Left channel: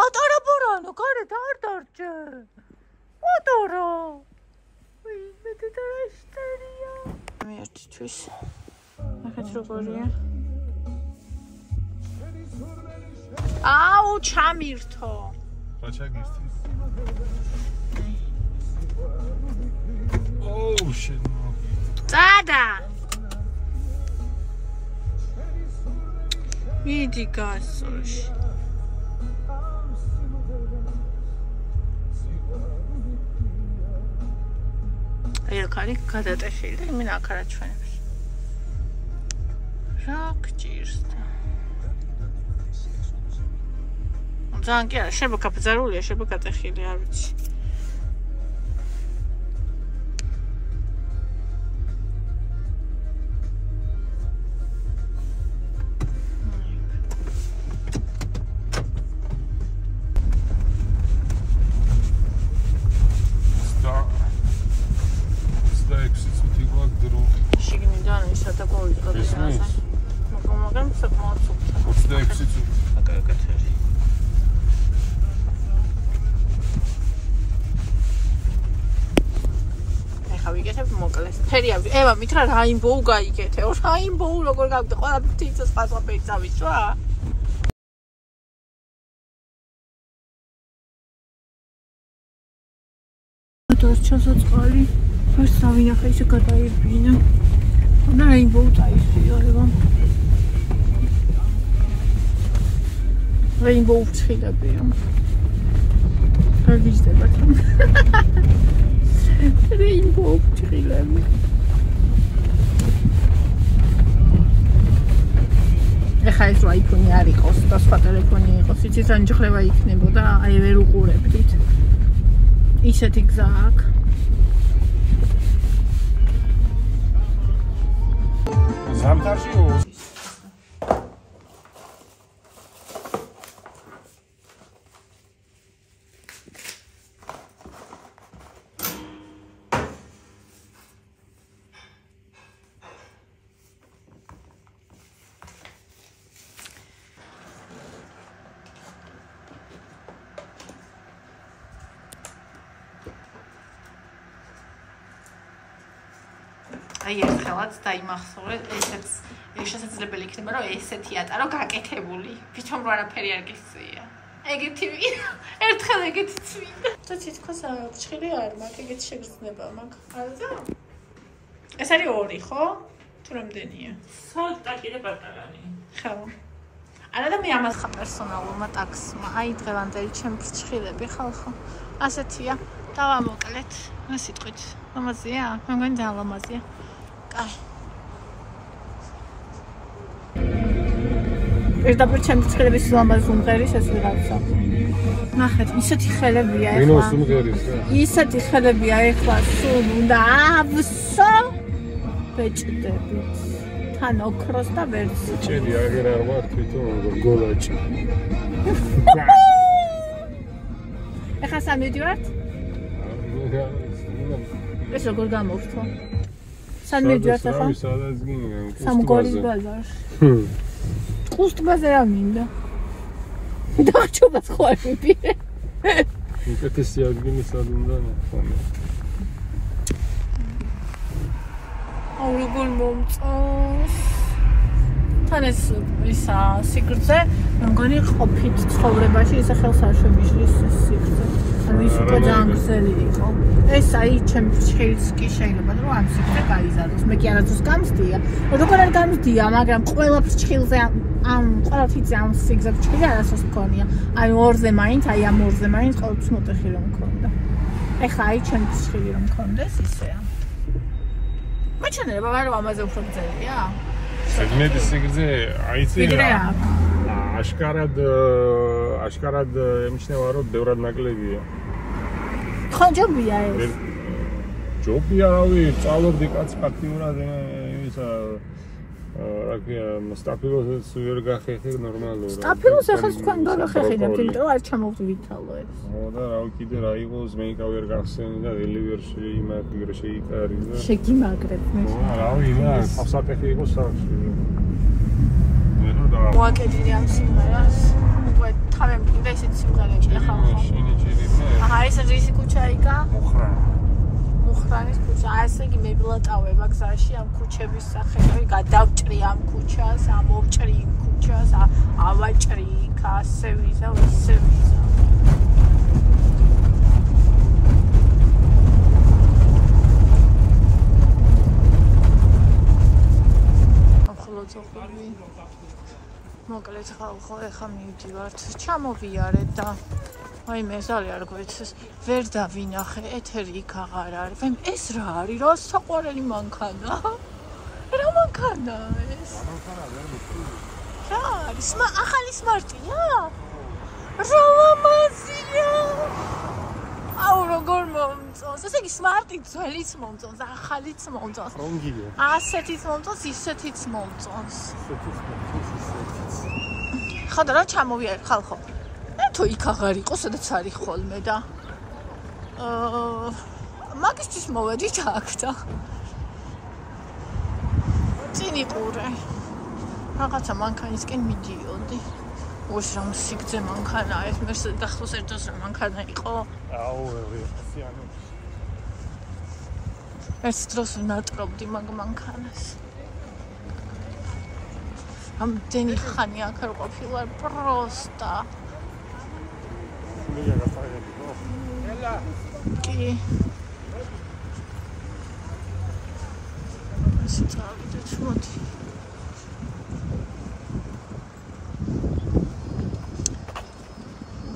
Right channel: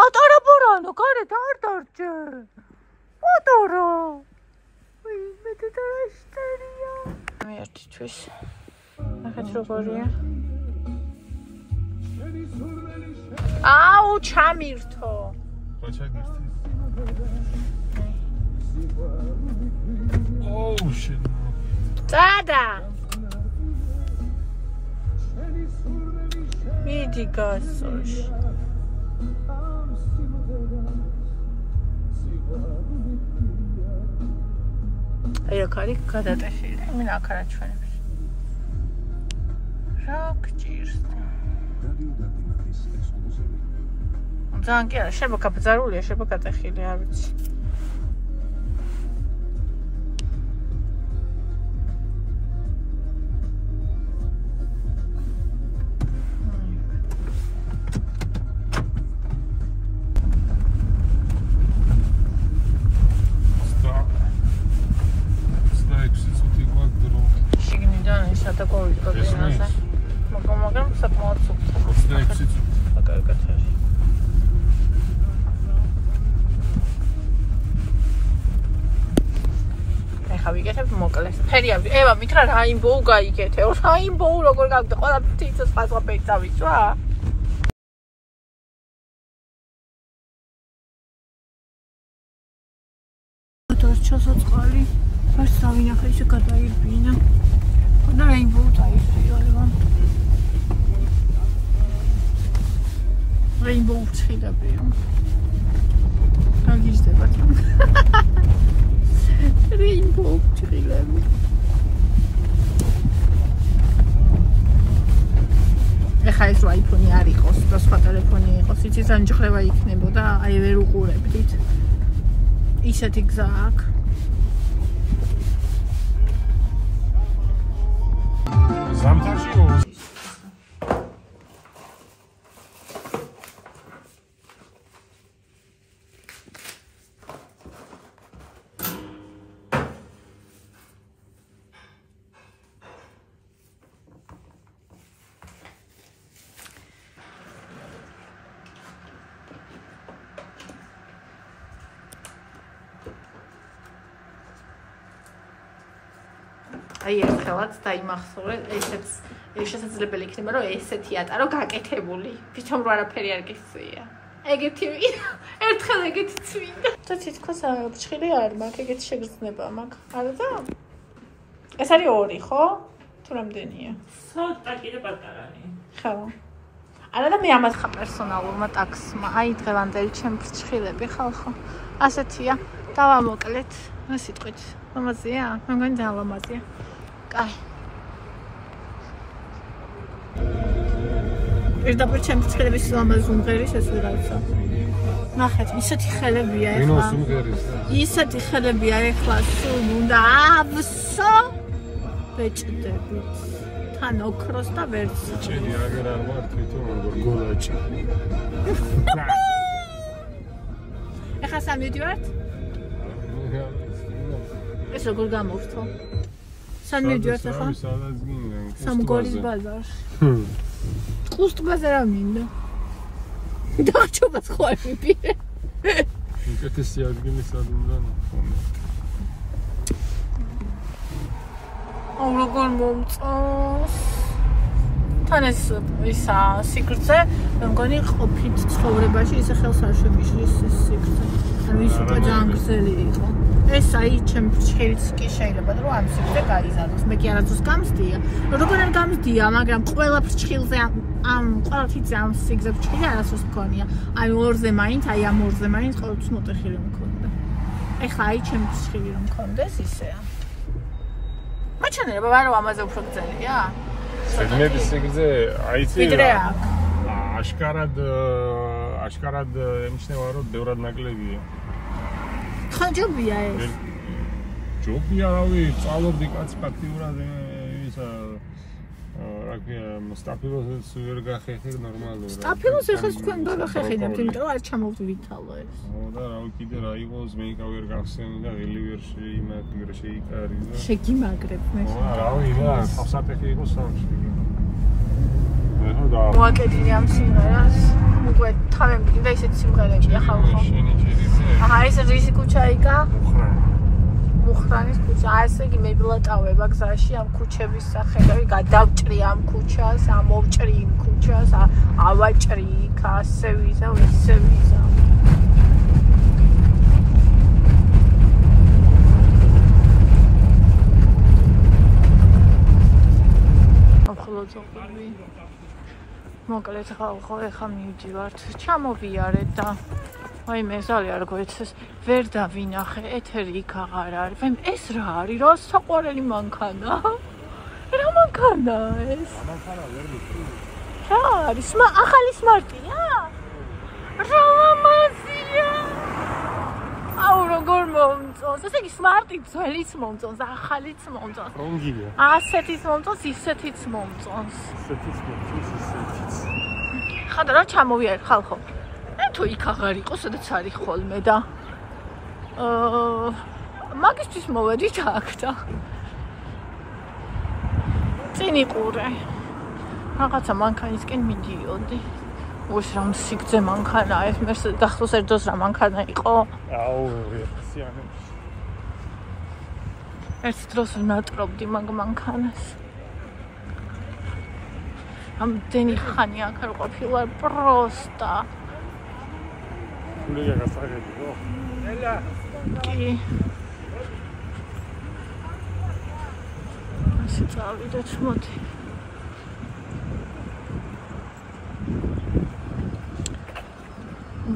პატარა ბორანო, გარეთ არ დარჩე. პატარა. მე დედაშტერია. მე ერთთვის. ნახეთ როგორია. აუ, ჩამირთო. რა ჩაგირთი? Oh shit. Tada. მიდი გასოში. აი აქ არის გადატეხილი. მე აქ არა ჩვენებს. რა გჭირს და. ძალიან კი არა, შეიძლება გაბზარულია, შეიძლება გადატეხილი, არ ვიცი. ევა მითხრა რაინბოუ გაიგეთე. რაინბოუ როგორ გავიგე? ყველაფერი სხვა ფერი წავიწვა? მოთოს ჩასაწყალი. მას სამინახე ისე გადაერბინა. რაინბოუ წაისპირება. რაინბოუ ცხილებია. გაგიზდებათ. Rainbow ცხილები. ეხლა ეს iPhone არ იყოს და სხვა ტელეფონი იყოს, იცი ზანჯხრევა იქნებოდა, აი ვერ უყურებდით. ისეთი გზა აქვს. ზამთარში აი ერთხელაც დაიმახსოვრე, ესეც შესაძლებელი იქნება, რომ ესეთი ატარო გაკეთებული. თვითონ რა არაფერი არ გისწია. ეგეთი ერთხელ ეგეთი წვიდა. და თითქოს ბრჭყილი არ მაქვს, ეგეთი შეგრძნება მაქვს. არადა? ეს არის 2, ხო? თუ რამდენია? ცოტა კიდე პატარანი. ხო. არა და მე ამას ხა პერსონალურმა ტაქსმა. აი დღევანდელი ჩემ ბრჭყილები ხალხო. ასეთია. დავამოკლეთ. რა სიტყვით? ლამაზია? მე მგონი ძალიან ლამაზია. კაი. პირდაპირ ჩემ ბრჭყილების ლამაზ უმღერის ეს ვიღაცა. ნახეთ, ისეთი ხელებია ეხლა. მინოს უმღერის და. ისეთი ხელებია ეხლა, სულ უნდა ავსო ბეჭდებით. თან ოქროს და ვერც. ჭედი აღარ არ ვარ თვითონ როგორ გოლაჭი. ეხლა სამივდივართ? ეს როგორ გამოვთო? სამივდივართ ახლა? სადაც გინდა? სამგორის ბაზარში. ყუსტ ბაზარ არ მინდა. დახჭობას ხო არ მიპირე. უკეთესი ადგილი სად უნდა ნახო. აუ როგორ მომწონს. თან ეს ისა სიგრძე, მე მგონი ყოფით ცხოვრებაში ისე ხელს არ შემიშლის ეს სიგრძე. ანუ ის უკვე ძალიან გრძელი იყო. ეს აი ჩემ ბრჭყილს კი შეიძლება რომ ამ სიგრძე გაიზარდოს. მე კი არასდროს გამსდია. როგორ არ გამსდია, მაგრამ ყველა ბრჭყილზე ამ ყველაფერზე ამ სიგრძე ბრჭყილი არასდროს მქონია. აი 2-ზე მაინც, აი ამ 2-ზე მაინც ყოველთვის მოტეხი რომ მქონდა. ეხლა აი ჩემ ბრჭყილი რომ მქონდეს ისეა. მაჩვენებია რომ ამაზე უფრო გრძელია? მე სიგრძე აიცი. ვიდრე აქ. აშკარად ემჩნევა რომ ბევრად ნაკლებია. ხო ჯობია ეს. ჯობია რავი, წალობდი კაც ფაქტიურად ისა სტაფილოს ვერ გახეხი ნორმალურად. სტაფილოს ახლა თქვენ დაგახეხინებთ, იმიტომ რომ არ ჩამოვვითალო ეს. ხო და რავი კიდე რა იყოს, მე იქა ვერ გახსენი და ველი ვერ შეიმაგრე შეიტარი და შეგიმაგრებ მე. რავი და საფსატეხი იყოს სახში. მოაკედინე ამ სიმღერას. უკვე თავი მგინდა ისეთი სიმღერებია ხალხო. აჰა, ეს რისი ქუჩა იქა? მუხრანის ქუჩა. ესე იგი მე ვილატავება გზაში ამ ქუჩების სახელები, გადავჭრი ამ ქუჩას, ამოვჭრი იმ ქუჩას, ავაჭრი იქ, ასე ვიზა, ისე ვიზა. ახლოწოხები. მოკლედ ხალხო, ეხა მივდივართ, ჩამოვიარეთ და აი მე ზალი არ გვეცეს, ვერ დავინახე, ეთერი იქ აღარ არის. ვაი ეს რა არის? რა საყვარელი მანქანა? რა მანქანა ეს? ამანქანა ვერ მიწვი. რა არის? ახალი სმარტია? რა ლამაზია! აუ როგორ მომწონს. ესე იგი სმარტი ძველიც მომწონს, ახალიც მომწონს. რომგია? ასეთიც მომწონს, ისეთიც მომწონს. ხოდა რა ჩამოვიარ ხალხო? თუ იქ აღარ იყო, სადაც არის ხოლმე და მაგისტრის მოვედით აქ და წინი ყურე. რაღაცა მანქანისკენ მიდიოდი. უშ რა სიგძე მანქანაა ეს, მე გახსოვს ერთ დროს რა მანქანა იყო? ეს დროს ვინატრობდი მაგ მანქანას. ამდენი ხანი აქ არ ყოფილა პროსტა. კი. ასე წავიდეთ, მოდი.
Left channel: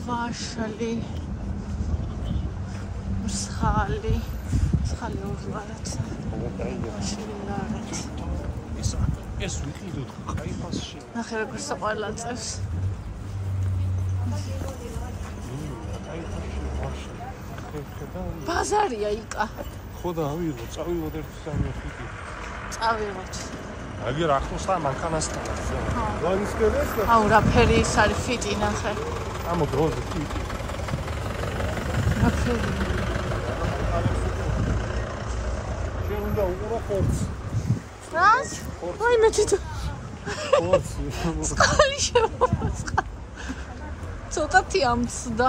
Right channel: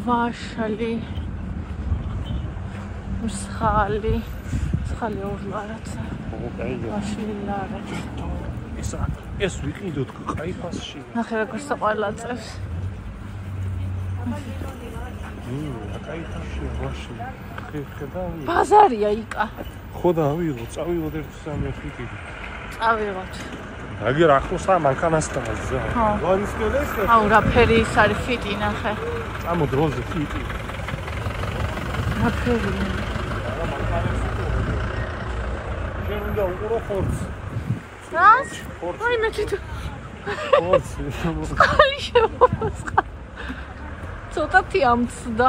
ვაშალი. მსხალი. მსხალი ორლარაცა. ვაშალი ლარაც. ეს ვიყიდოთ ყაიფასში. ნახე როგორ საყვარლა წევს. ბაზარია იკა. ხო და ავიღო, წავიღოთ ერთ სამოხიკი. წავიღოთ. აგერ ახლოსაა მანქანასთან. ხო. ვარისკედეთ? აუ რა ფერი ის არის ფიტი ნახე. ამო დროზე ფიტი. რა ფერი. შენდა უყურო ხორცს. რას? აი მე თვითონ. ხორცი. სკალი შემოსყა. ცოტათი ამცდა.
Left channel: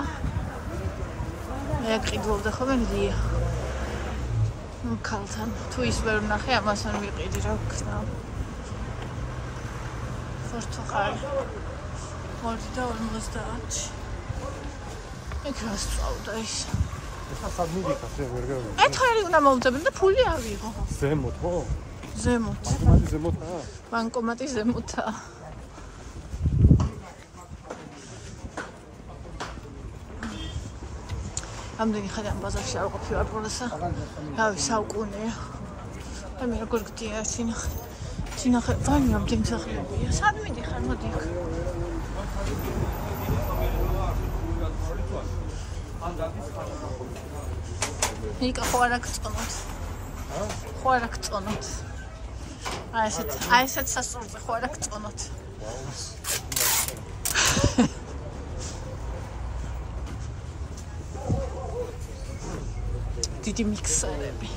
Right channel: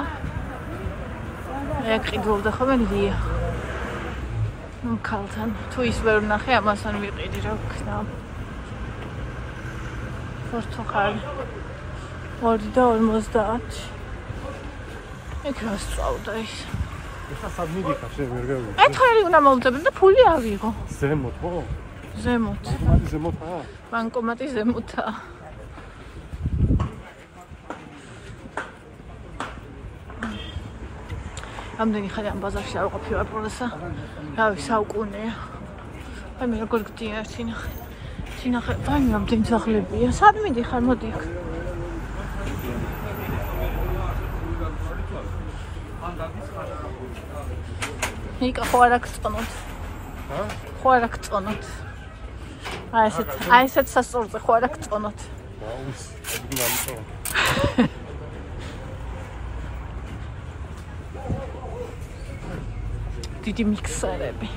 მე ყიდულდა ხოლმე ლია. ნუ ქალთან თუ ის ვერ ვნახე ამასთან ვიყიდი რა ვქნა. პორტუგალი 2.50. ეგ რა სწავდა ის. ეხა სად მიდიხარ შენ ვერ გეგმო? ეთერი უნდა მომწებდი და ფული ავიღო. ზემოთ ხო? ზემოთ. ბანკომატი ზემოთაა? ბანკომატი ზემოთაა. ამდენი ხანი ამ ბაზარში არ ყოფილა პროსა. რავი, საუკუნეა. აი მე როგორ გდია სინახე. სინახე, ვანი ამდენი ძაღლებია. სად მიდიხარ, მოდი აქ. იკა ხო არ აქწონოთ. ხო არ აქწონოთ. აი ესეთ სასწორზე ხო არ აქწონოთ. დიდი მიქსერები.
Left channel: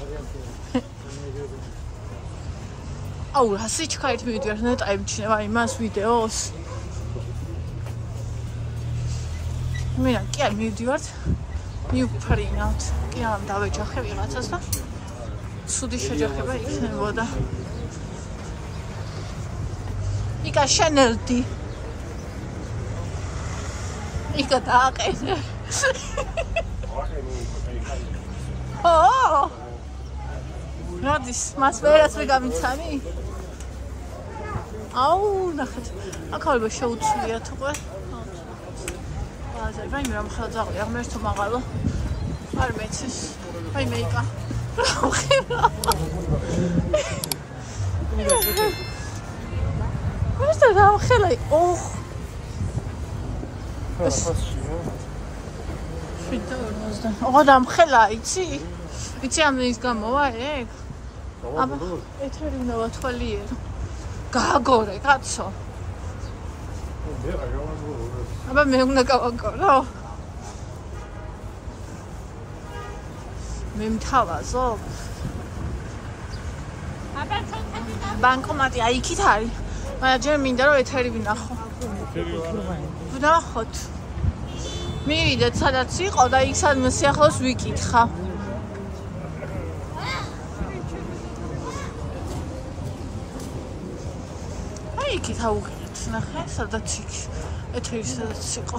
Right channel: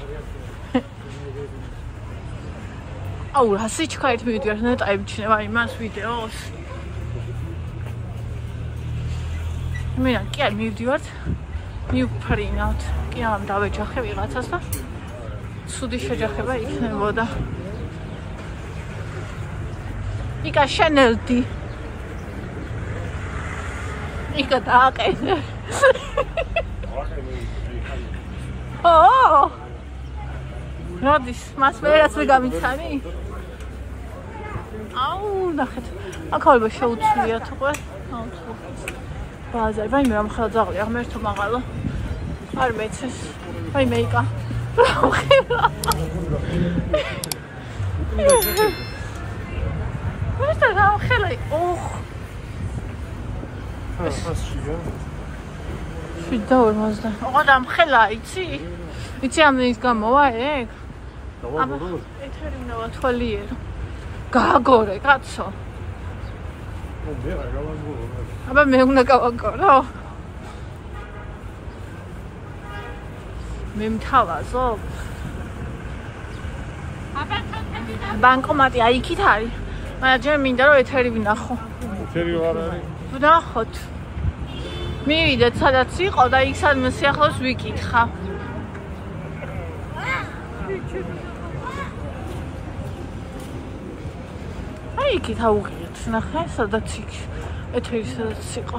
აუ, რა სიჩქარით მივიდივარ, ნეტა ემჩნევა იმას ვიდეოს. მენა კი არ მივდივართ. მივფრინავთ. კი ამ დავეჯახე ვიღაცას და სუდი შეჯახება იქნებოდა. იკა შენელდი. იკა დააყენე. ო! რადის, მას ვერაც მე გამიცანი? აუ, ნახეთ. აქავალება შეუცლიათ უკვე. ბაზარი, ვაიმე რა მხოლოდ ზაღლია, ღმერთო მაღალო. არ მეცეს. ვაიმე იკა. ხება. ეს რა ხელა? ოხ. შედაურმაზდა. ოღონდ ამ ხელა იცი? იცი ამ ის გამოვა ეგ? აბა, ეთერინა თვალიერო. გააგორე, კაცო. მე რა გავაგორო? აბა მე უნდა გავაგორო. მე მთავაზო. ბანკომატი აი იქით არის. მაგრამ ჯერ მინდა რომ ეთერი ვნახო. ეთერი ვარ არის. ვნახოთ. მივიდეთ სადაც იყო და იქ სადმე სიახლოვეს ვიკითხა. აი იქით ავუღიოთ ნახე სადაც იქ ეთერი სადაც იყო.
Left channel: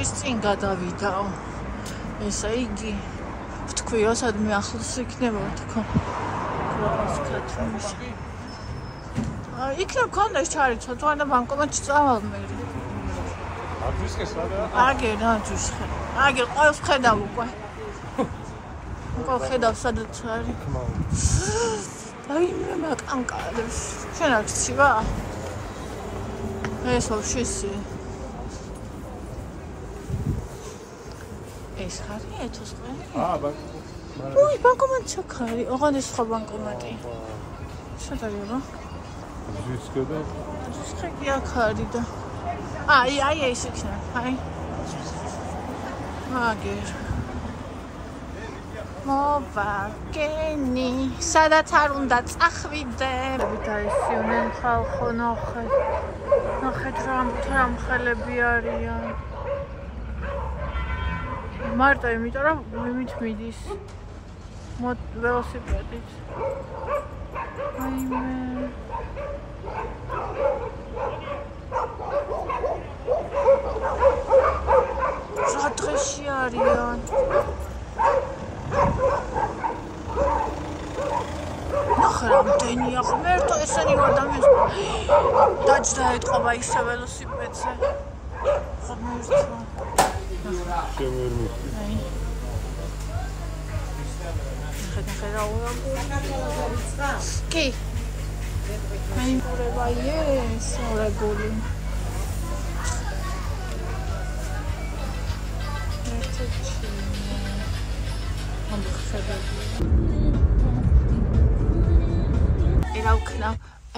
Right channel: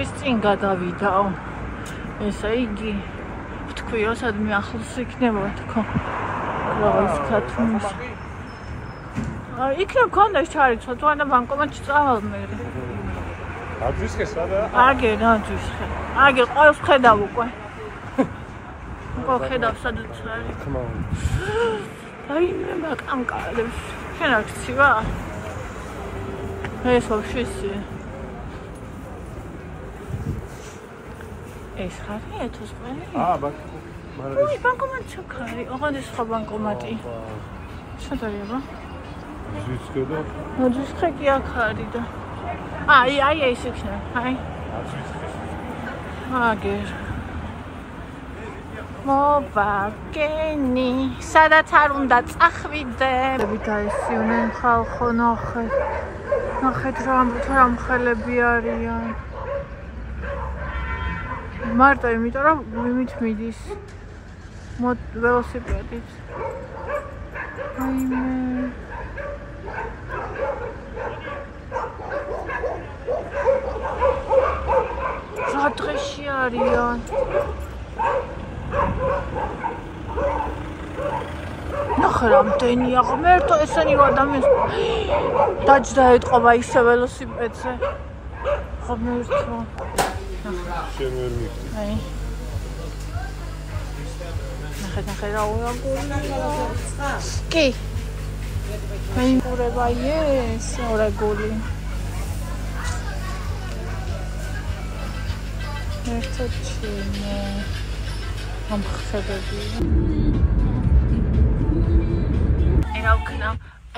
ის წინ გადავიდაო. ესე იგი ვთქვი რომ სადმე ახლოს იქნება თქო. რაღაც ქათმის. იქ მქონდა ის ჩარიცო, თუ არა ბანკომატში წავალ მე. აგერ აძვისხე. აგერ ყოველს ხედავ უკვე. უკვე ხედავ სადაც არის. აი მე მაკანკარებს. შენ არ ვიცი რა? ეს ვაფშე ისე. ეს ხარ ეთოს ყველი? ой, банкомат ჩაქარი. ოღონდ ეს სხვა ბანკომატი. სად არის აბა? ზუსტად. ზუსტად კი აქ არის და. აი ეს იქნა. აი. აგერ. მოვაგენი. სადაც არ უნდა წახვიდე. დაისიონენ ხალხო ნახე. ნახეთ რა მხელები არიან. მარტო იმიტომ რომ მიმით მიდის ველოსიპედით. აიმე რა დღეში არიან. ნახე რამდენია ღმერთო ესენი ადამიანს დაჯდა ეთყობა ისე ველოსიპედზე. ღმერთო აი ნახე რა უაგულია კი აი მურება ეს ორეგული ერთო ჩინო ამხებები რა ვქნა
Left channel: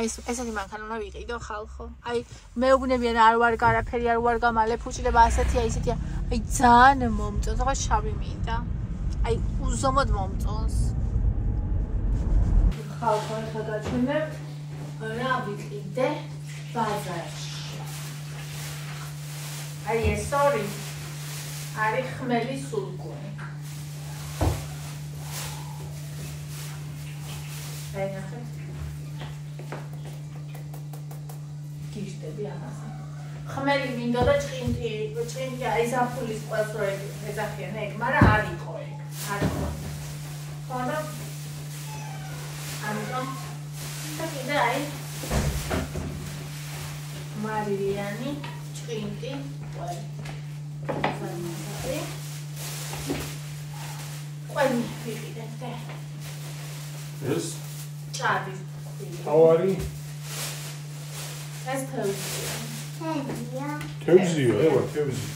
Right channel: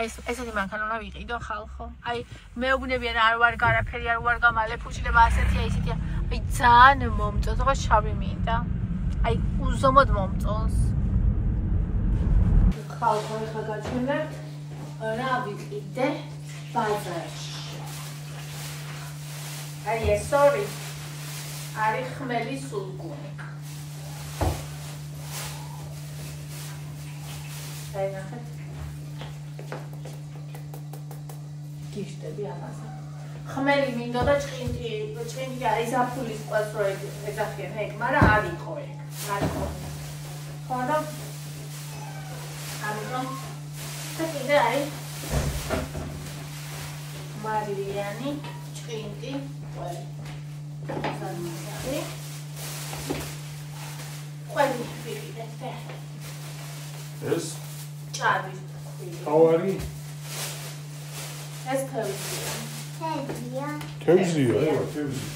ესეთი მანქანა ვიყიდო ხალხო აი მეუბნებიან არ ვარ გარაფერი არ ვარ გამალე ფუჭდება ასეთია ისეთია აი ძალიან მომწონს ხო შავი მინდა აი უზომოდ მომწონს ხალხო ხა გაჩვენებთ რა ვიყიდე ბაზარში აი ეს ორი არის ხმელი სულგუნი აი ნახეთ გიშტები ამაზე. ხმელი მინდა და ჭყინტი არის აფულის ყვასრო ეძახიან ეგ, მაგრამ არ იყო ეგ. არ იყო. ხო და? ამიტომ და კიდე არის მარილიანი ჭყინტი ყველი. ყველი ვიყიდეთ. ეს? ჭადი. თავარი? ეს თევზია. თევზია, ება, თევზი.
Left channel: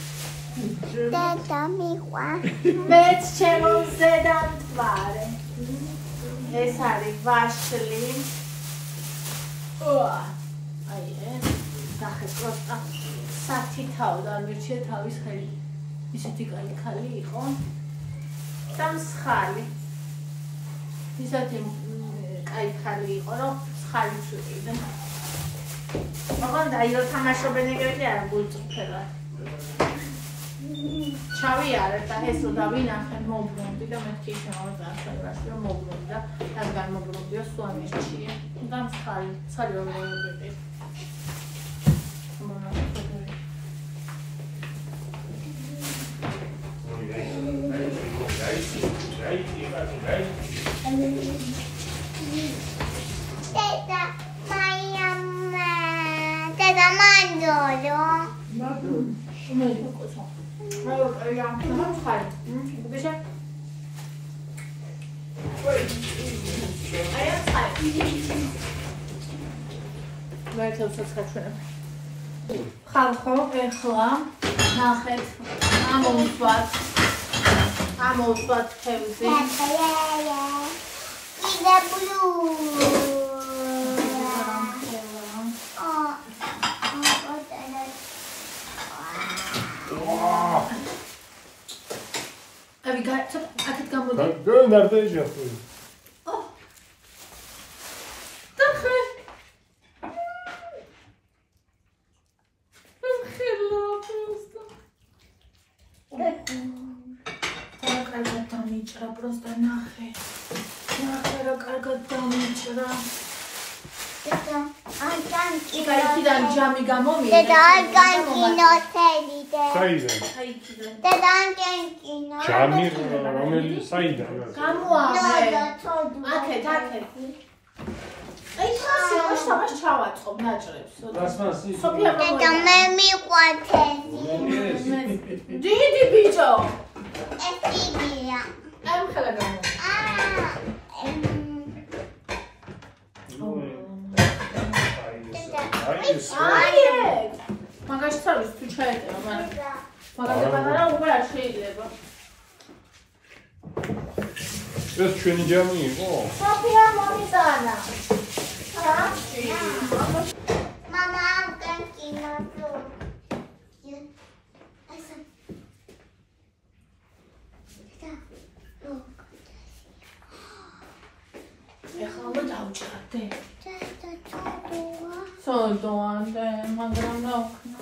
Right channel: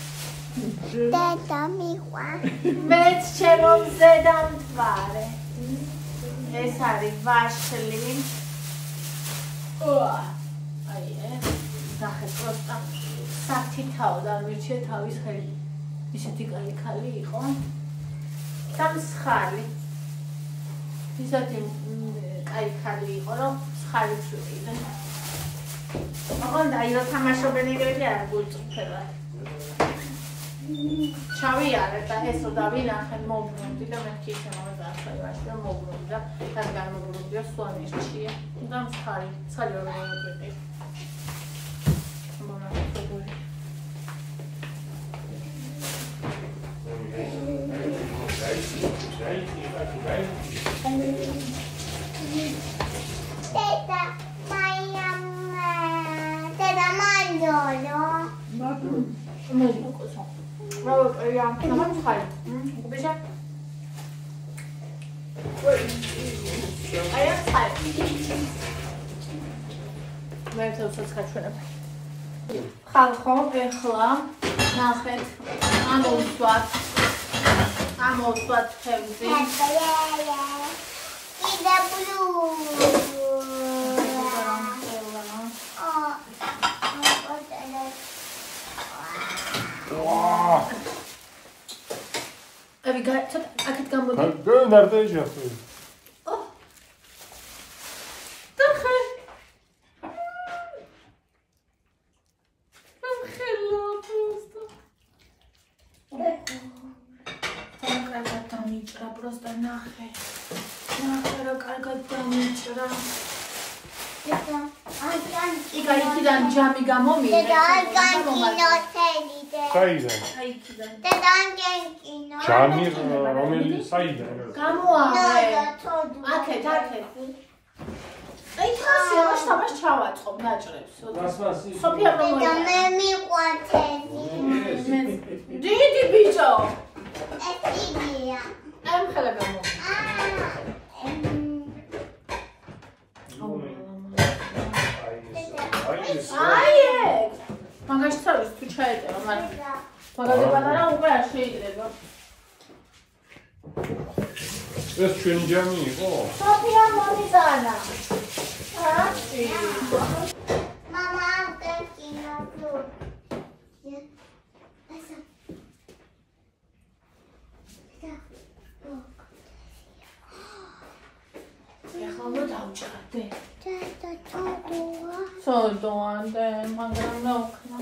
დედა მიყვარ. მეც ჩემო ზედამთვარე. ეს არის ვაშლი. აი ნახე კოსტა საფთითაო და მირჩე თავის ხელი. ისეთი კალი ხალი იყო. და მსხალი. ისეთი კალი ხალი იყო, რომ მსხალი წვიყიდე. ოღონდ აი რო თამაშობენ ეგრეთი არ გულწრფელა. ჩავიარე და ესო დავინახე მოგვრუნდი და მეთქი შემოვიდა რომ მოგვრუნდი და თან გამობრუნდი სულ ამერჩია. და მსხალი, ცალი რო ვიყიდე. Deda mangiolo. No, cosa? Guarda, ya, no vamos a ver. ¿Ves? Ahí está. Me he hecho esa ხალხო, ეხლა ნახეთ ამოვსვათ თევზი. Ida blue. Have you got to akit gamodi? Nerede yiyeceğiz? Daxel. დამიჭრა პროსტა ნახე რა კარგად დამიჭრა იქიდან ჯამი გამომიდა საიდან? დედანკენკინო ჯამი რომელი საიდან? გამოაღე აქეთ აი ხასი ამას ჩავაწყობ ნაჭრებს სოფია დედა მე მიყვათელი დიდი ბიჭო ეს იდეა ამ ხელა გამო აი მაგაში თავის თუ ჩაეტევა მაგაში პატარა უკვე არ შეიძლება ეს ჩვენი ჯამი იყო? სოფია მომიტანა მამა კენკინო ეხლა დავჭრდე სოდომანდე მაგრამ რა ვქნა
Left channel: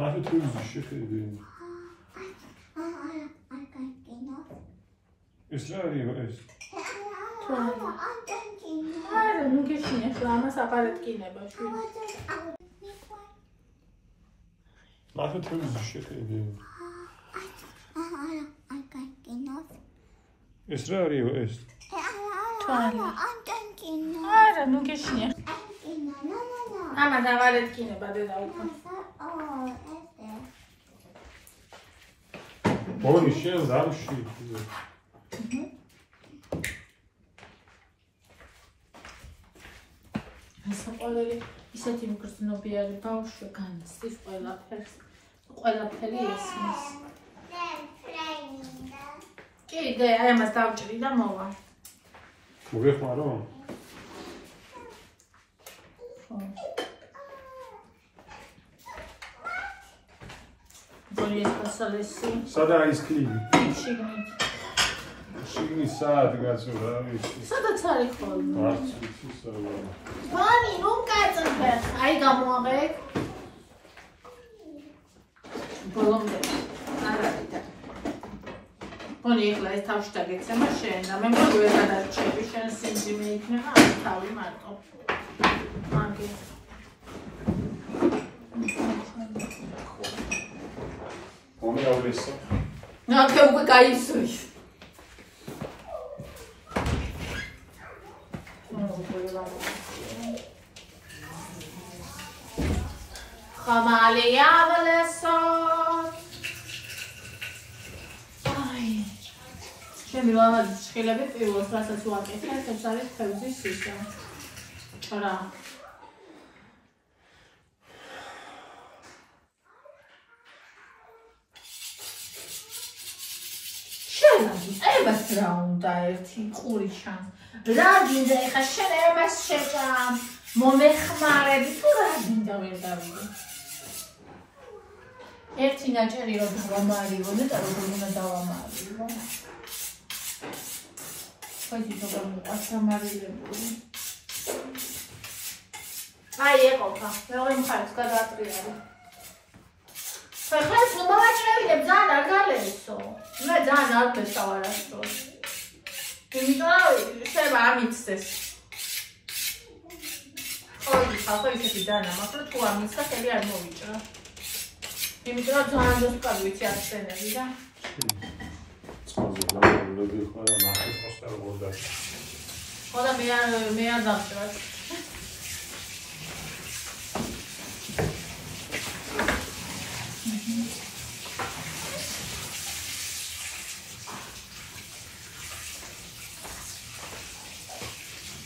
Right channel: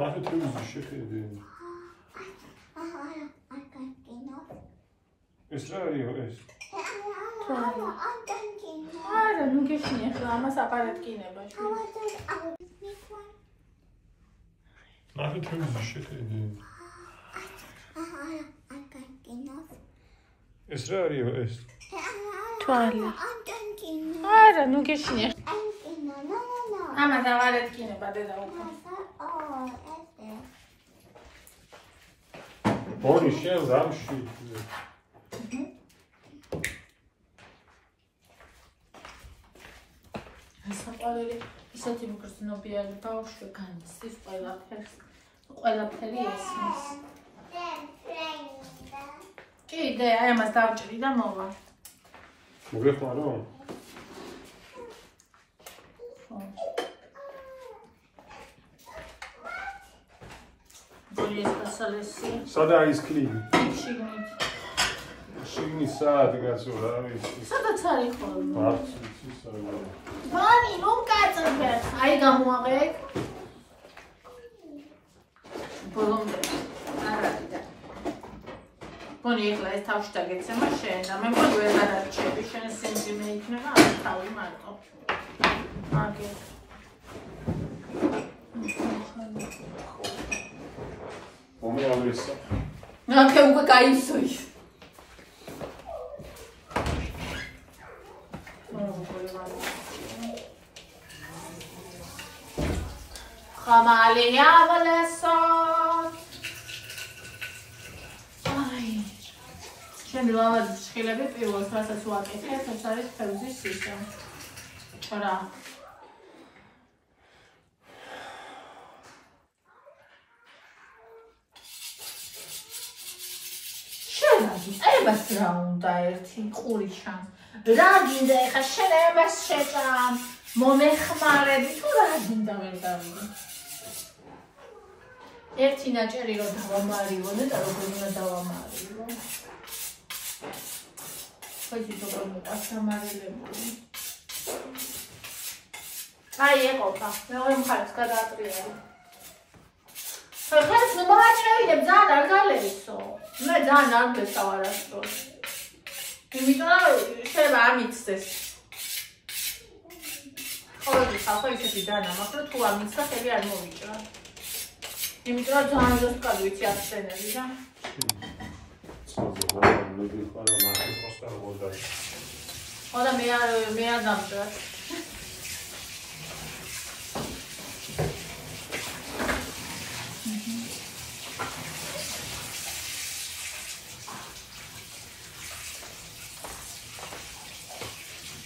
მათი თვითონ შეხედე. ეს რა არის ეს? არა ნუ გეშინე ახლა ამას აპარატკინება მათი თვითონ შეხედე. ეს რა არის ეს? თვალი არა ნუ გეშინე ამას აპარატკინება დედა უკვე ბონი შენ ზამში. საყვარელი ისეთი მგრძნობიარე ბავშვი განიცდის ყველაფერი ესმის კიდე აი ამას დავჭრი და მოვა მოგეხმარო? ბოლი ესპასალესი სადა ის კლივი? შიგნით შიგნით საათი გასო რა არის? სადაც არის ხოლმე არც ვიცი სადა. ბანი რომ კაცებე აი გამოაღე ბოლომდე არაფერია ბონი ეხლა ეს თავში დაგეცემა შენ და მე მგონი ვერ გადარჩები შენ სიმძიმე მე იქნება ამ თავი მარტო მაგე მომიავლესო. ნახე უკვე გაიცოი ხამალი ავალესო აი ჩემი ლავაზის ჩხილები პირველს რასაც ვაკეთებ ეს არის თევზის სიშა რა ებას რა უნდა ერთი ყურიშან რა გინდა ეხა შენ ებას შეჭამ მომეხმარები თუ რა გინდა ვერ დავიდე ერთი ნაჭერი რომ დავამარივო და როგორ უნდა დავამარივო ხოთი როგორ მოყავს სამარილებული აი ეყოფა მეორე მხარეს გადაატრიალე ხეს მოაჭრევინებ ძალიან არ გალესო მე ძალიან არ გესავარასწორ იმიტომ შეიძლება ამიცდეს ხოლმე ხალხო ისეთი დანამახლა თუ ამიცა ხელი არ მოვიჭრა იმიტომ ძალიან ზუსტად ვიცი ახსენები და ლები ხარა მახის პოსტა მოდარ. ხოდა მე არ დამჭრად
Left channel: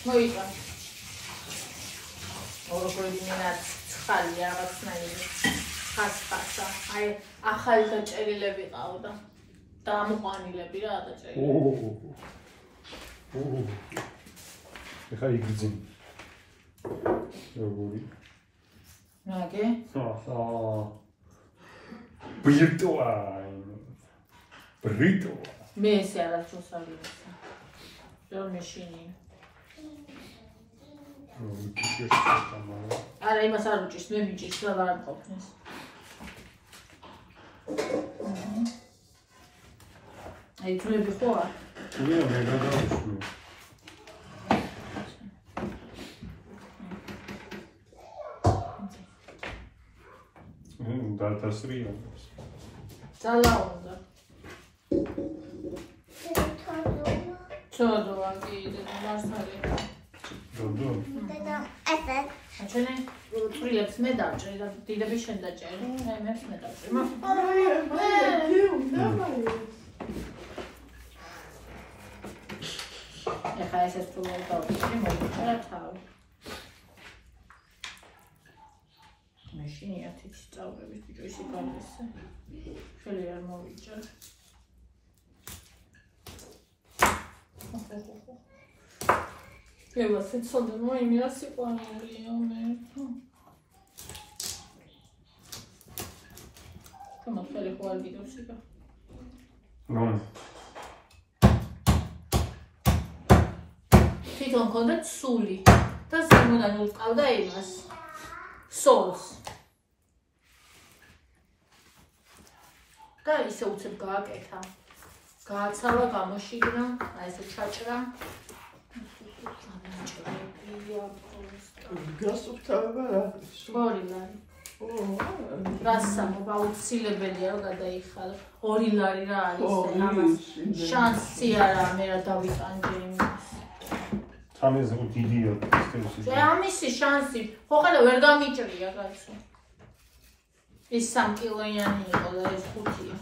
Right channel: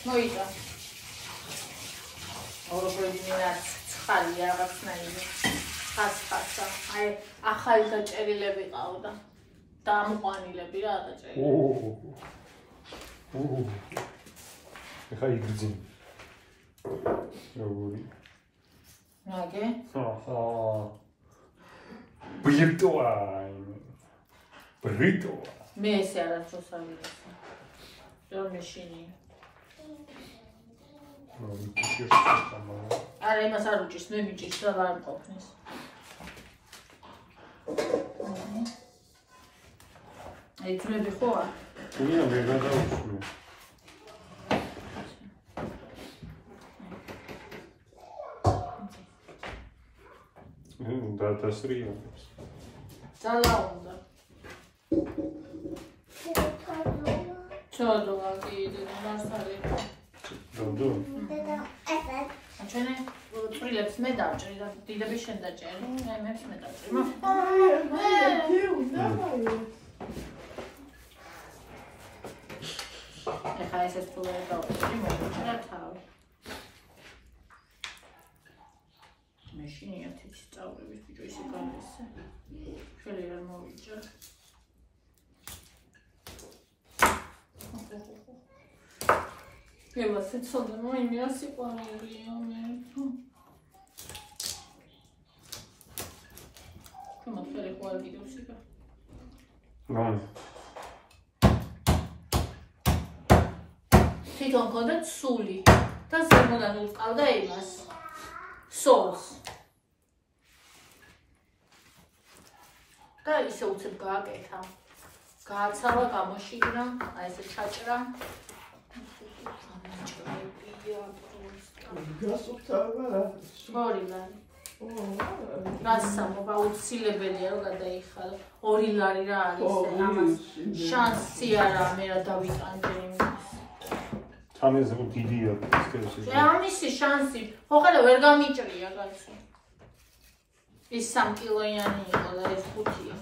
მოიჭრა ოროქოდინად ცხალი რაღაცნაირი ხასხასა აი ახალი დაჭერილები ყავდა და ამოყვანილები რა დაჭერილი ეხა იგრძნ როგორი ნაგე ბრიტო მე ესე არასდროს არ ვიცი რომ მეშინი არა, იმას არ უჭირს, მე მიჭირს რა არ მყოფნის. აი, თრები ხო არ? თუნია მე გადავუსმე. დასრია. ძალა უნდა. ჩოდოა კიდე მასალი. დოდო. ჩვენი წვრილებს მე დავჭრი და დიდები შენ დაჭერი. მებს მე დავჭრი. ეხა ეს თუ ვერ დავჭრი, მოვიწერა თავი. მაშინ ათიც წავრების ბიჭო ისე გამესა. შელი არ მოვიჭერ. Prevăzut să dăm o imigrație cu anul. Cum o fere cu albidul și ca? Nu. Თვითონ გქონდა ცული და ზემოდან უწყავდა იმას. სოლს. და ისე უცებ გააკეთა. გააცალა, გამოშიგრა, აი ესე ჩაჭრა. ორი ლარი. რასამობა უცილებელია რომ გადაიხალა. 2 ლარი რა არის ამას შანსი არა მე რა დავიტანჯე იმის. თამეზე დიდია ეს. ამისი შანსი ხო ხედა ვერ გამიჭრია კაცო. ის 3 კილოიანი იყო და ეს 5-ია.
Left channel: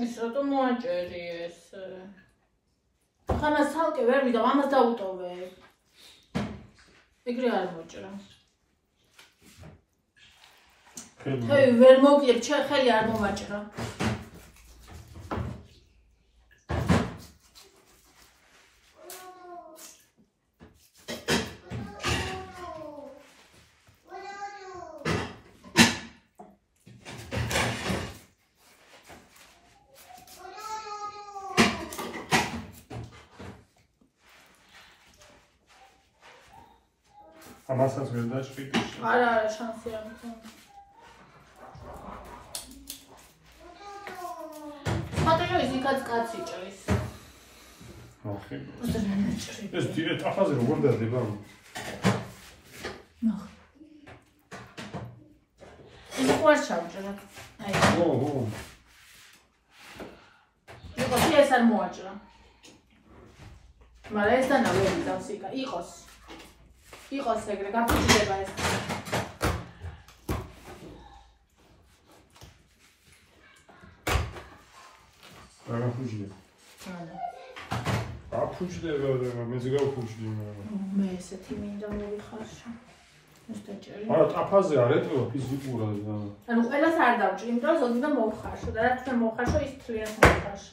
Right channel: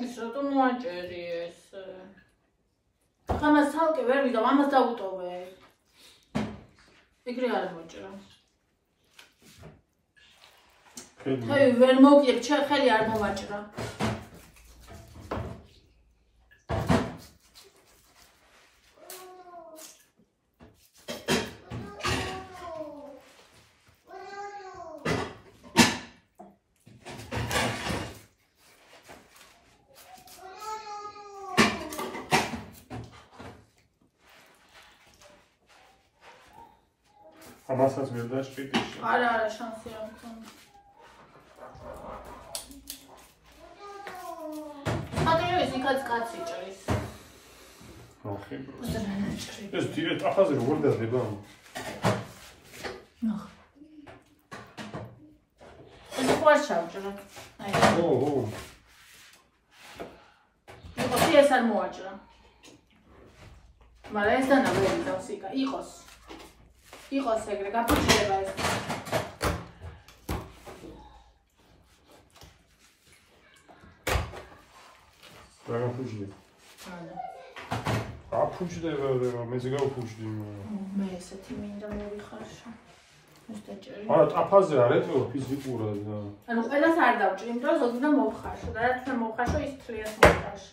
ეს რატომ მოაჭერი ეს? ხანა სალკე ვერ ვიდა, ამას დაუტოვე. ეგრე არ მოჭრა. ხელი ვერ მოვკლებ, ხელი არ მომაჭრა. ამასაც ვერ დაჭრიდი. არა, შანსი არ მქონდა. მაგრამ ის იქაც კაცი ჭრის. ოკეი. უზრუნველყოფა. ეს დირექტ აფაზე როგორ დადება? ნახ. ეს ყوار ჩავჭრა. აი. ო. იყო ეს არ მოაჭრა. მაგრამ ეს დანა ვერ დავსიკა. იყოს ეგრე გაფუჭდება ეს. რა გაფუჭდება? არა. აფუჭდება და მეც გავფუჭდი. მე ესეთი მინდა მოვიხარშა. ეს დაჭერი. არა, აფაზე არ ეტყობა ფიზიკურად. ანუ ყველას არ დავჭრი, იმიტომ რომ ზოგადად მოვხარშო და რაც მე მოვხარშო ის თლიანად მოვხარშო.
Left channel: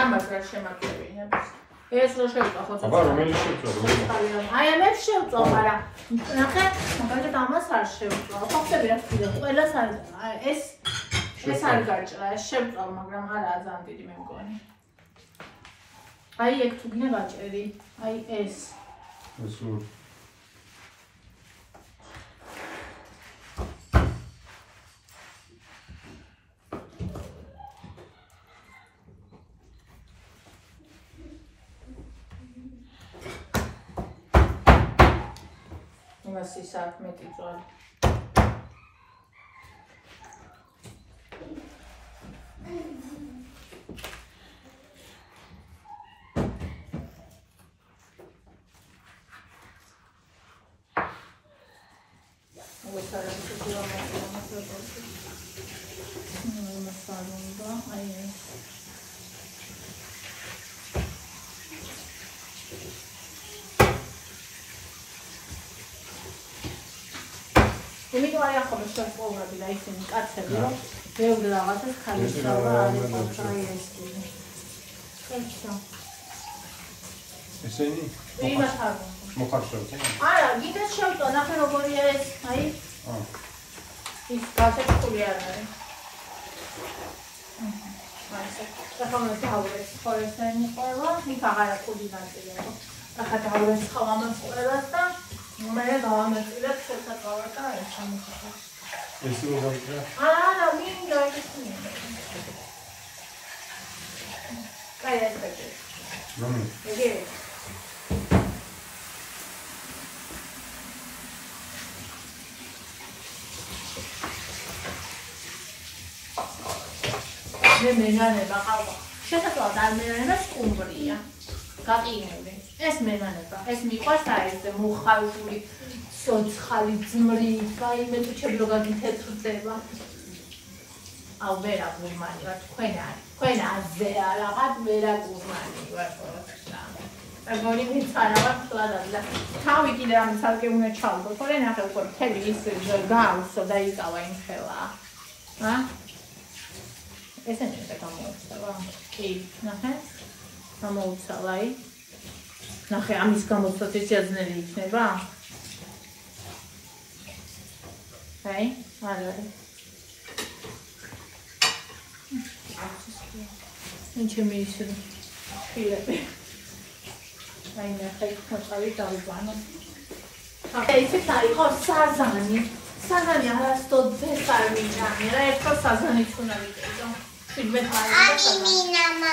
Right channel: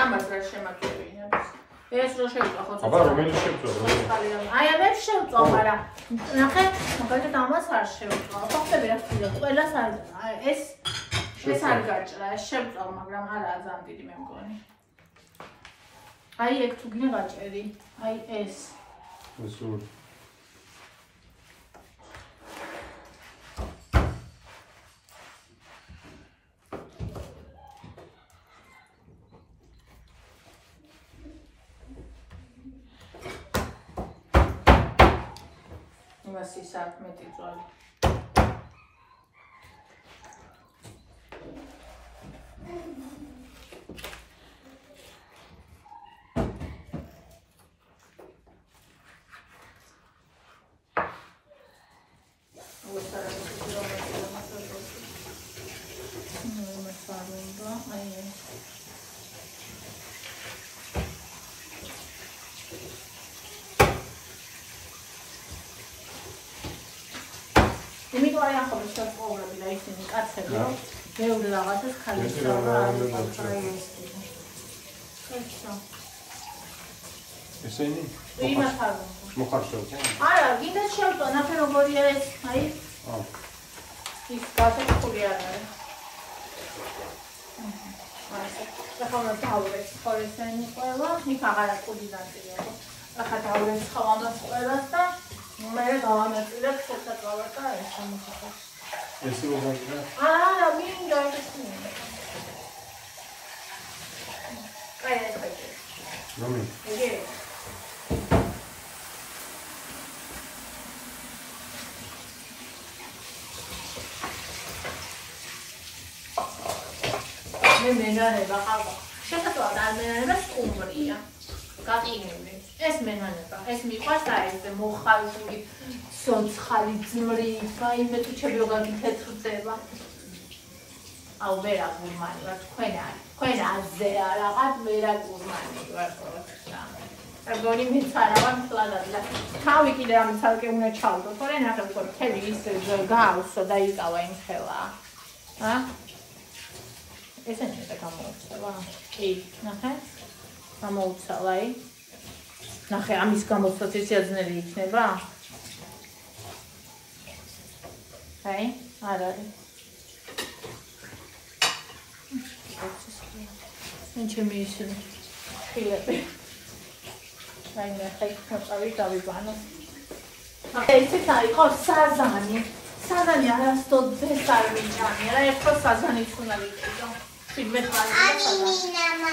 ამას რა შემაგებინებს? ეს რო შევწვა ხო? აბა რომელი შევწვა? აი ამებს შევწვა, მაგრამ ნახე, მაგალითად ამას არ შევწვა. ხო ხტები რა ხდება? ყველას არ ეს არ გაჭრა, ეს შევწვა, მაგრამ არაა ძალიან დიდი მე მგონი. აი ეგ თუ გინე გაჭერი, აი ეს. ეს რო იმას ის აქ მეტი ძვალი. იმიტომ არის ახლა შეწყობები და ისინი კაცები, რომ ბევრი რაღაცას ქალისწავლა არის აი ეს. ხეჭა. ესენი? იმას არ მოხარშავ ხო? არა, გინდათ შევწვა, ნახე როგორია ეს, აი. ის გასაჭკული არ არის. აი ეს. ახლა მე დავურეს ხო ესენი ყველა, იქ აღარა კუდი ნაწილია. ახლა დავურეს ხო ამას ყველას და მე გავამეწილებ შეთაკავად და ეს ამოხო. ეს რო გამიგა? არა, მინდა ეს მინდა. კაი ეს ბეჭი. რომი? იგი. მე მენანება ყავდა. შესაძლოა და მენანება სტუმრია. გაკინული. ეს მენანება, ეს მიყვარს და ეს მოხალხული სოცხალი ძმრიფა, იმე თუ ჩებილოგანი თეთრდება. აუ ვერა გურმანი ვარ თქვენ აზე რაღაც ვერა გურმანი ვარ. აგონი მიცარავარ ფლადად და თავი კიდე ამ ცალკე უნდა ჩავდო, თორე ნახე უკვე მთელი ის გაუსო და იკავა იმ ხელა. ესენი და გამოუცალა. კი, ნახე. გამოუცალა აი. ნახე ამის გამოცდაც შეაძლებელი იქნება? აი, არ არის. ჩემი ისინი ხილები. აი ნახე, ხოწავი დავიბანე. ესე იყო საზანი. საზანი არასდროს არ მიჭამე. რა ერთო საზანიც უნდა ვიყიდო.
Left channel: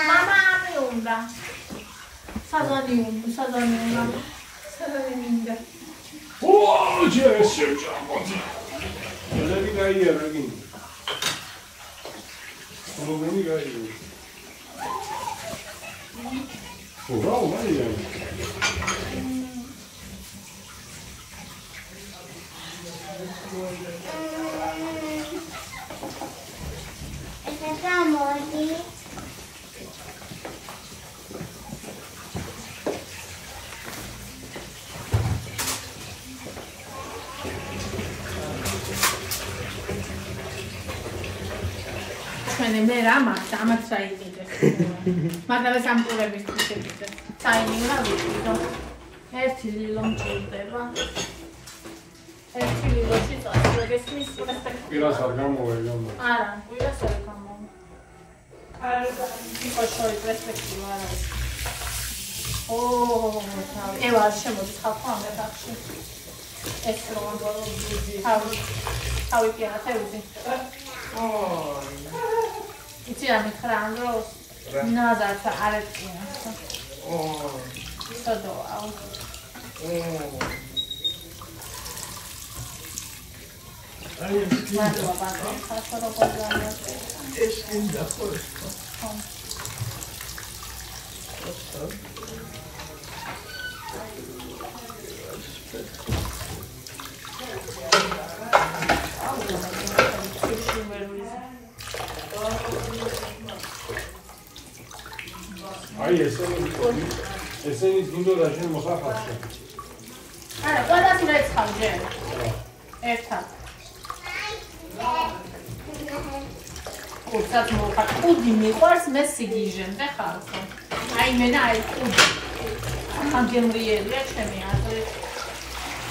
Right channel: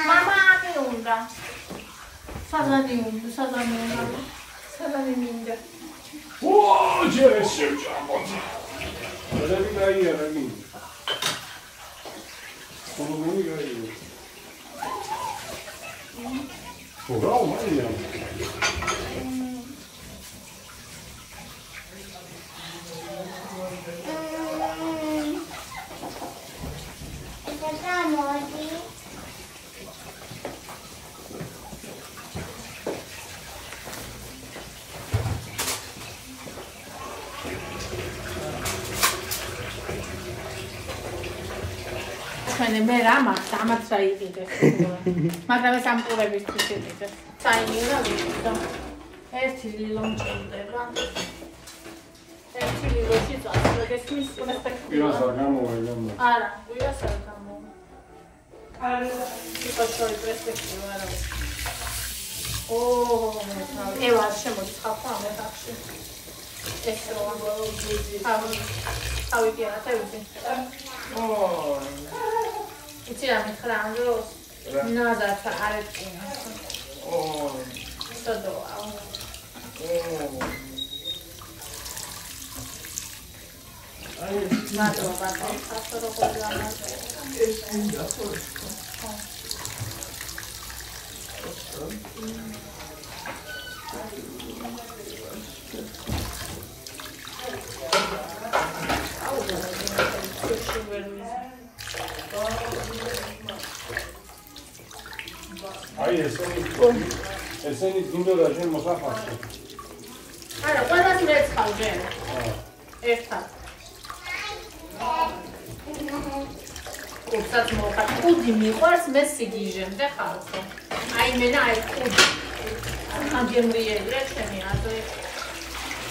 Mama ami უნდა. Საზანი მინდა. ოო, ჯერ ჩამოდი. რები დაია, რები. როგორი გაია? ოღა, მაია. მე რა მაქვს, ამაც საიდდეს. მაგრამ სამყურებისთვის იდე. საიდია ვიყიდო. ერთი ლილო მჭირდება. ერთი ლილოში წასულებს მისულებს. პირას არ გამოვაიდო. არა, პირას არ გამოვა. არა, იყო შოი პერსპექტივა არა. ოო, ევარ შემოცხალხო ამ დახში. ეს რო თავი პირათა უძი. Იცი რა მითხრა ანდროს? ნაზართა არეკია. სადოა. აი, მადლობა ბატონო, ხასო როგორ გამარჯვე. ეს ინდა ხო. აი ესენი გინდოდა შენ მოსახალხო. არა, ყველას მეცხავ ჯერ. ერთად. კურსაც მოხარ. კუდი მიყვარს, მე სიგიჟემდე ხალხო. აი მენა აი კუდი. ხანგემრიელია ჩემი აზრი.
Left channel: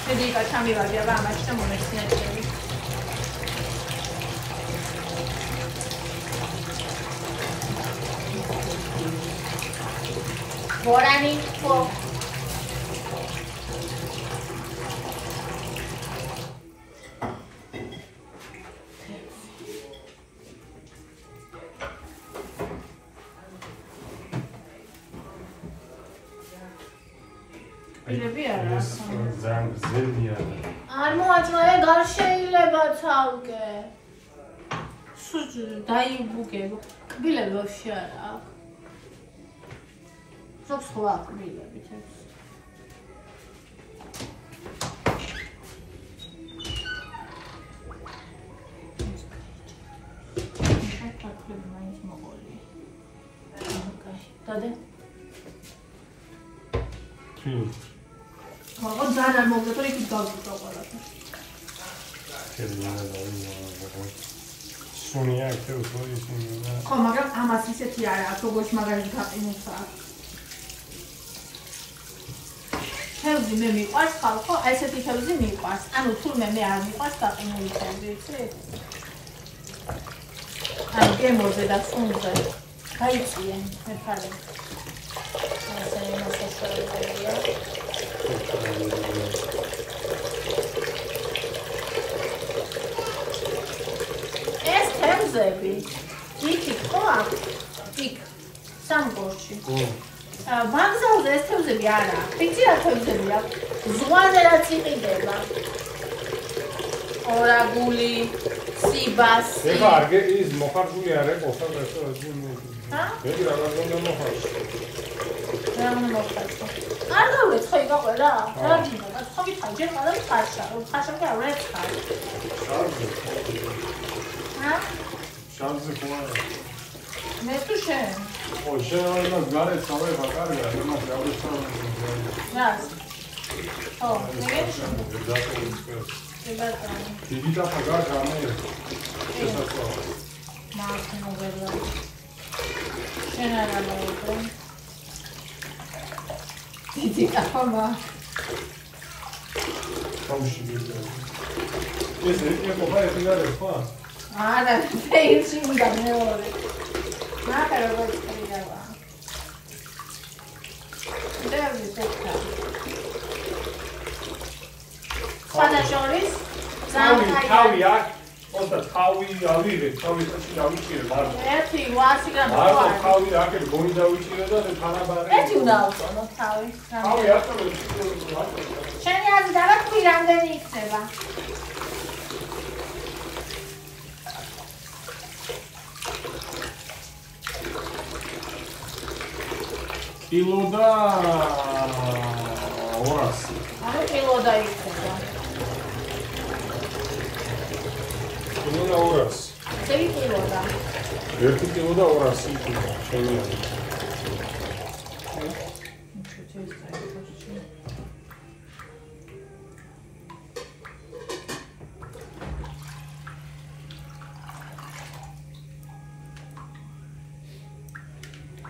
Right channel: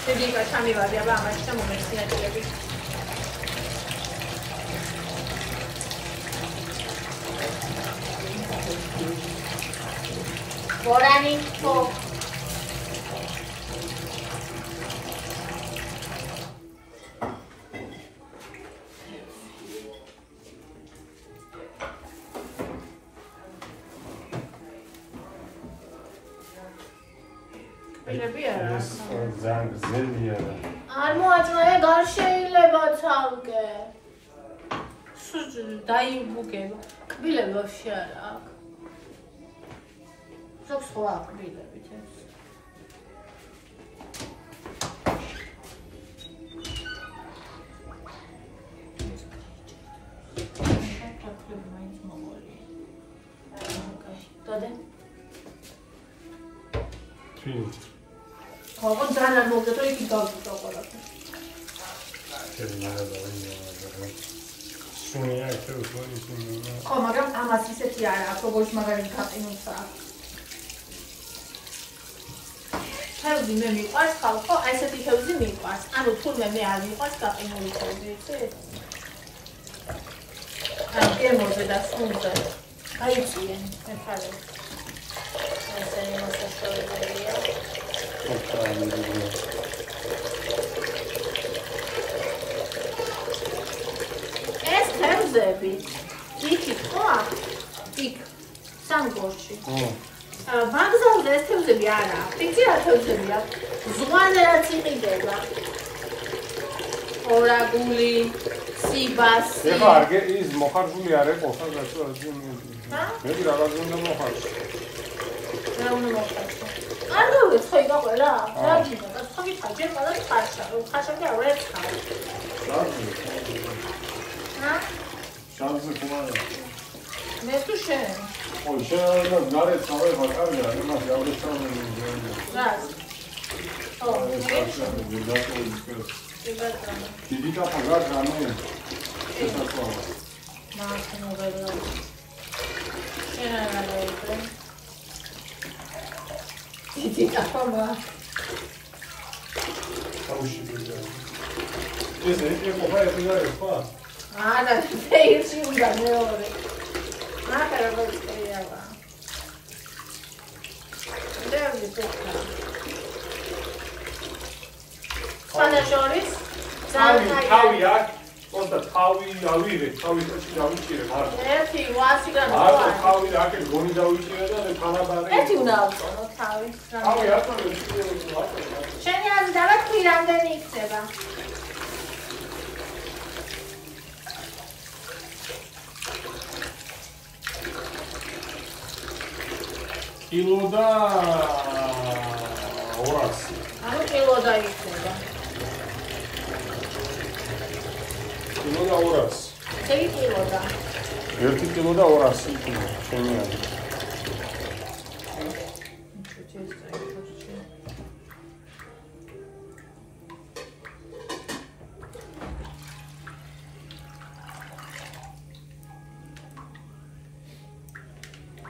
შედიკა ჩამივარდი აბა ამაში და მომეცნებები. Borani po. არ მოაჭრე, გარ შეიძლება ცალკე. დაიბუგებ. კბილები ვაფშე არა აქვს. ზოგს ხო აქვს კბილებით ეს. დადე. ხო, ძალიან მოგდეთ, იქ გავწევ ყველაფერს. სუნია იქ უფრო ისინი. ხო, მაგრამ ამას ისეთი არა აქვს, როგორც მაგალითად გაყინულს აქვს. თევზი მე მიყვარს ხალხო, აი ესეთი თევზი მიყვარს. ანუ თურმე მე არ მიყვარს გაყინული თევზი, იცი? აი გემოზე და სუნზე. გაიწიენ, მეფარე. ესე იმასაც შევეძებია. ეს თევზები იქით ხო აქვს? იქ სამგორში. ვაგზალზე ეს თევზები არა აქვს. იცი რა თევზები აქვს? ზღვაზე რაც იყიდება. ორაგული, სიბასი. ეხლა არგე ის მოხარჯული არ ეყოს და ეს ჰა? მე რაღაცა მოხარჯ. რა უნდა მოხარჯო? არ დავუწე ხო იყაყელა? რა გინდა? ხო მითხარ, ჯერ ყველა ხარშა, რომ ხარშა კი არ ეცხარ. ჰა? შანსი ხმარა. მე თუ შენ. ო შეიძლება გარეთ სწორება კარია, იმას ავეცანა. რა? ო, მე დიდი დაფა გარს გამოვიდა. შესაძლოა. მაახნო ველა. შენ არ ამოვიდე. დიდი დაფა მა. თავში ვიდა. ეს ეყობა ეგრე ხო? არა, ფეირში უნდა მეორე. მაღლა როგორია. დევი პოკა. ხალაშორის თავი აქ, თუმცა თავი ავიღე, თავის წინში დავიჭირე ბარდა. ერთი 800 გრამი. არა, თავი აქეთ გონი დავიჭირე და თანაბარი. ერთი უნდა ავწონო თავი. თავი არ დავიჭირე. შენი აზრი დავაკვი რამდენი იქნება? კილო და 200. ანუ კილო დაიქნება. კილო და 200. ზევი კილო და. 1 კილო და 200 იქნება შენი აზრით.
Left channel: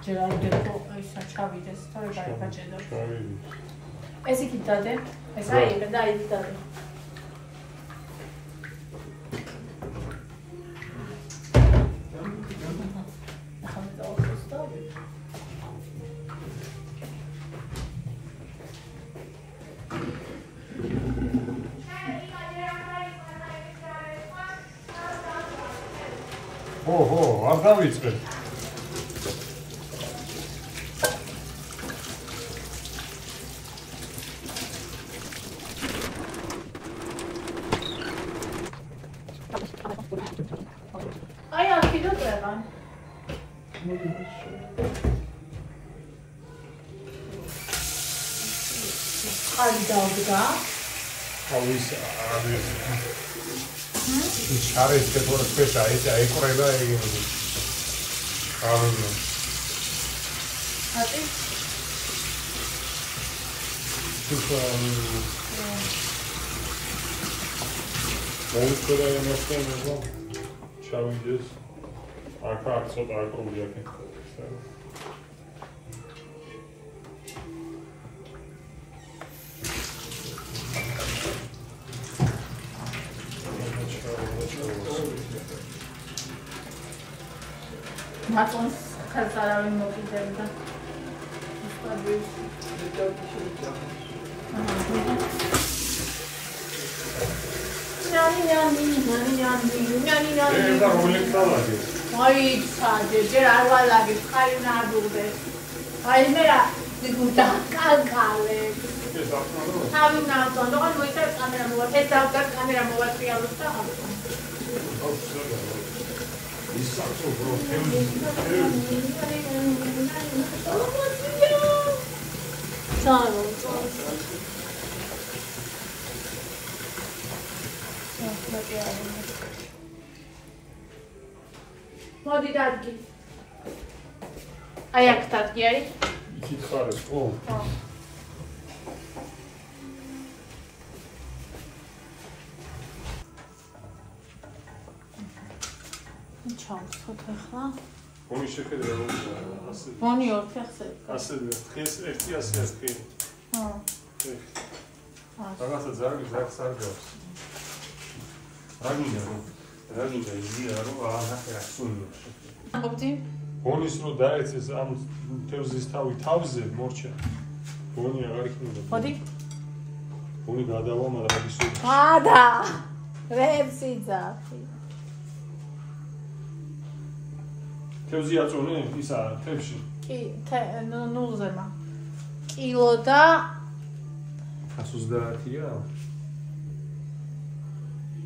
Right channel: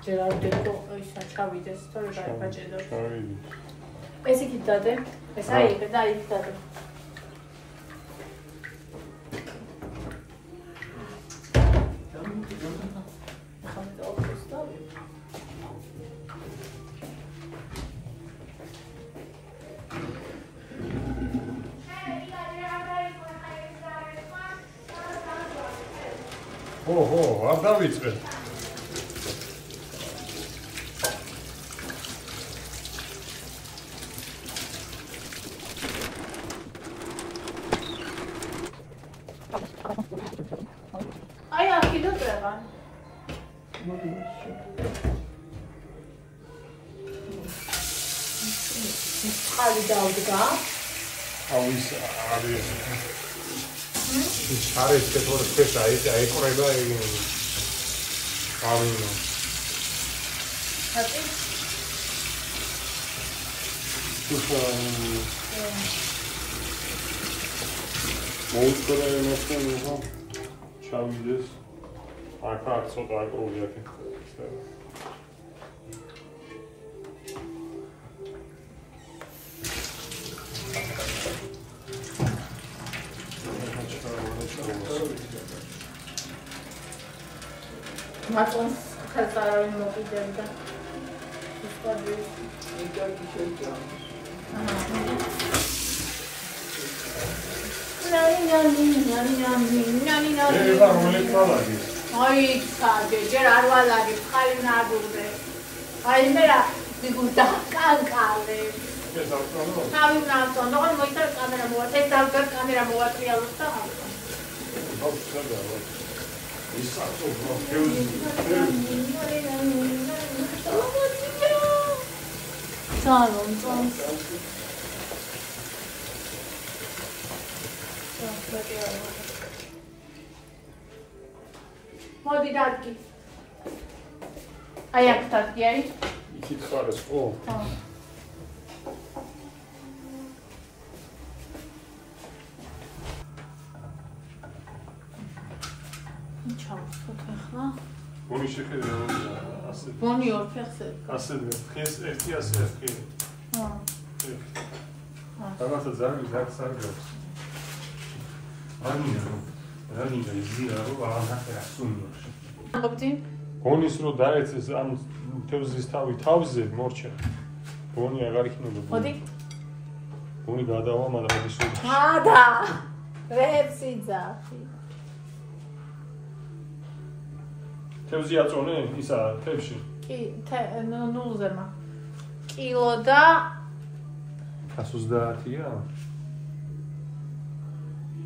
ჯერ არ გეტყო ისა ჩავიდეს, თორე გაიბაჭედო. ეს იქით დადე. ეს აი ეგ და იქ დადე. ოჰო, არ დავიწყე. აი აქ კიდე წერა. ხალი დავდგა. აუის არის. შარეს კეთორ ფეშა ის აიკრება ეგ. კარონა. ატი? მოუწოდა იმასთან ჩავიდეს. აქ ცოტა აკრული აქ. მაწონს ხელს არავინ მოკიდებდა. აი, საგე, ჯერ არ ვალაგებ, ხარი ნადურდე. აი მე რა გიგულდა კალკალე. თავი ნაცონ, როგორ მოიწარ კამერა მოვა, ეს დავდგა კამერა მოვატრიალოს და ისაცო პროფილი. სალონ, მოდი დადგი. აი აქ დადგი, აი. იქით ხარეს, ხო? ხო. ჩავსხოთ ახლა. გონი შეხედე რა ასე. გონი ორ ფეხზე. ასე დღეს ერთი ასე კი. ხო. რაღაცა ზარგი ზარგს არ გავს. რაგინა იზია რომ აღარ ასუნო. ყოფდი? გონის რო დაეცეს ამ თევზის თავზე მორჩა. გონი აღარ იქნება. მოდი. გონი გადავა მაგრამ ის გადა. რეცი ძახი. თევზი აწონე ისა თევში. კი, ნულზემა. კილო და 130-ია?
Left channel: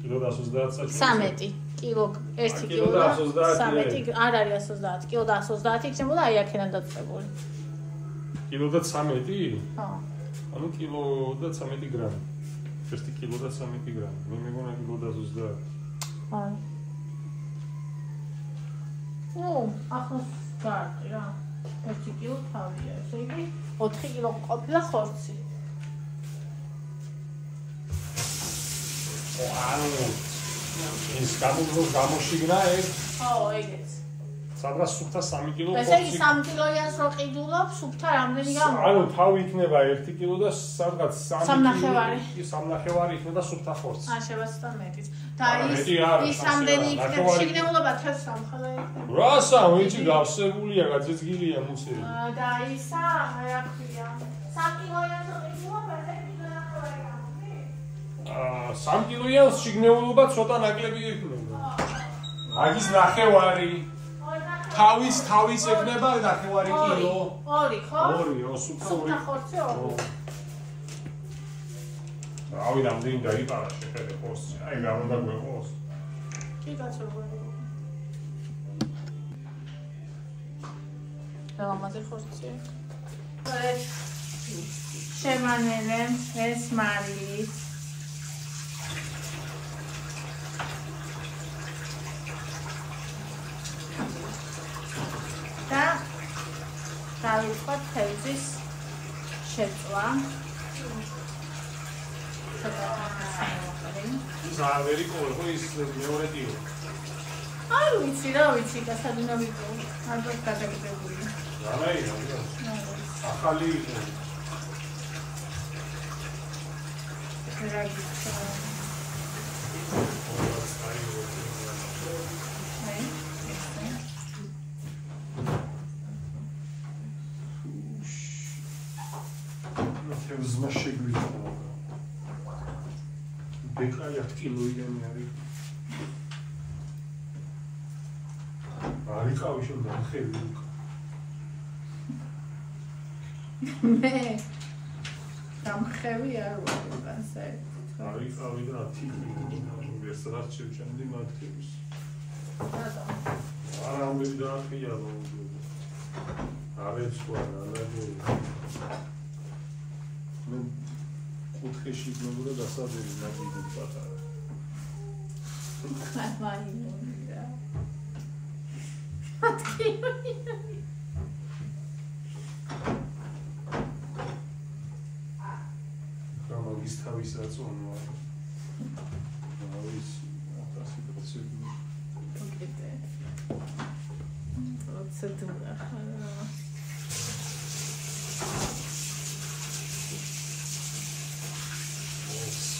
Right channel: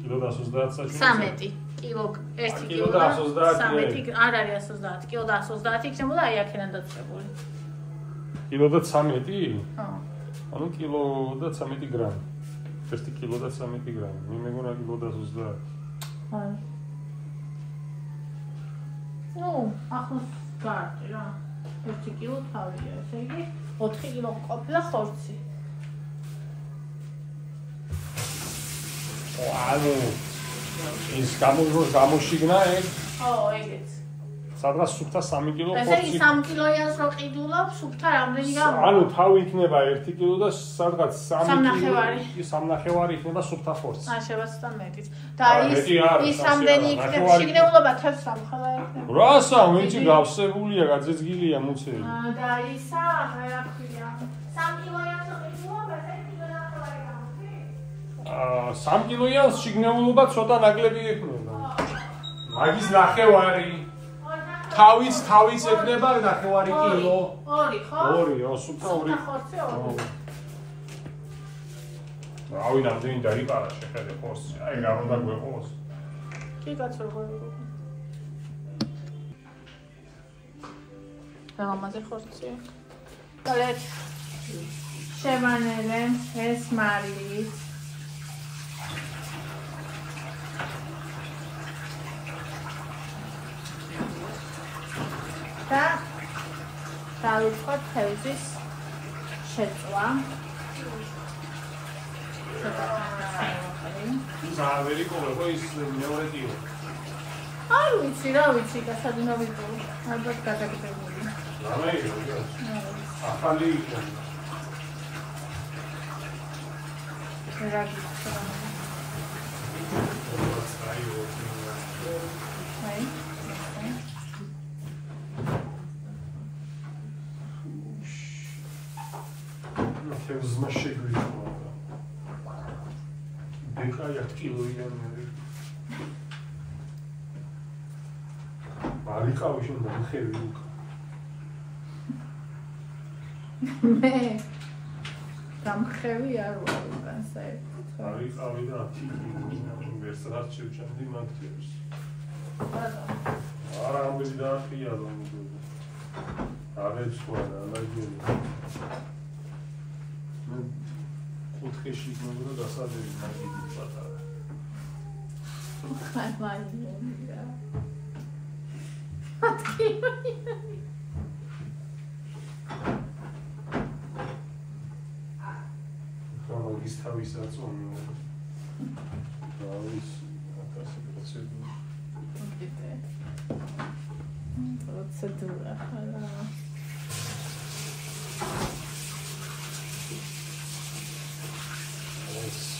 კილო და 130 საჭიროა. 13 კილო, 1 კილო და 13 არ არის 130, კილო და 130 იქნებოდა აი აქედან დაწებული. კილო და 13? ხო. ანუ კილო და 13 გრამი. 1 კილო და 13 გრამი. მე მეგონა კილო და 130. აი. ნუ, ახლა გარტი რა. 1 კილო თავია, ესე იგი 4 კილო ყოფილა ხორცი. ანუ ის გამოშიგნა ეგ? ხო, ეგეც. სადღაც სუფთა 3 კილო ესე იგი 3 კილოიანს რო ყიდულობ, სუფთა რამდენი გამოვა? ანუ თავი იქნება 1 კილო და სადღაც 3 სამნახევარი. კილო. სამნახევარი იქნება სუფთა ხორცი. შევა ცოტა მეტიც. და ის რამდენი იქნება შიგნეულობა თებს სამხელა იქნება. რასა, მეჭი გავსებულია, გაძეძგილია მუცელი. და ისა, რა ქვია? 3 კილოიანს რო ყიდულობ, 1 კილოიანი გამოვა. 3 კილოიანს შიგნეულობა ცოტა ნაკლები იქნება. მაგის ნახევარი. თავის ექნება ნახევარი კილო. 2, ხო? 2, სუფთა 2. ხორცი 2. რავი, რამდენი დაიპარა შეხედე ხორცი. აი, გამონდა გვეყოს. კი, კაცო, როგორ იყო? რამაზე ხორცი? კალეთ. შევანერე ეს მარილით. და დავიწყოთ თევზის შეწვა. ზავერი ყოლება ის მეორე კილო. არ ვიცი რა ვიცი და სადუნო ვიყო. ალბათ გადაგდებული. რამეია? ახალი იყო. რა ვიცი. აი. თევზმა შეგვიძლია. დეკაია კილოიანი არის. არიყავი შენ დამხევი უკა. მე დამხევი არ ვარ უკან საერთოდ. არიყავი და ვერსად შევჭამდი მათებს. არა ამბები დაარყია რომ არის ყველა ლაჯი. მე კუთხეში მეგრო დასადები მაგიდი პატარა. ხარვაინია. გამოგის თავის აწონო. დავის 1000%. პროცედურა ხარა.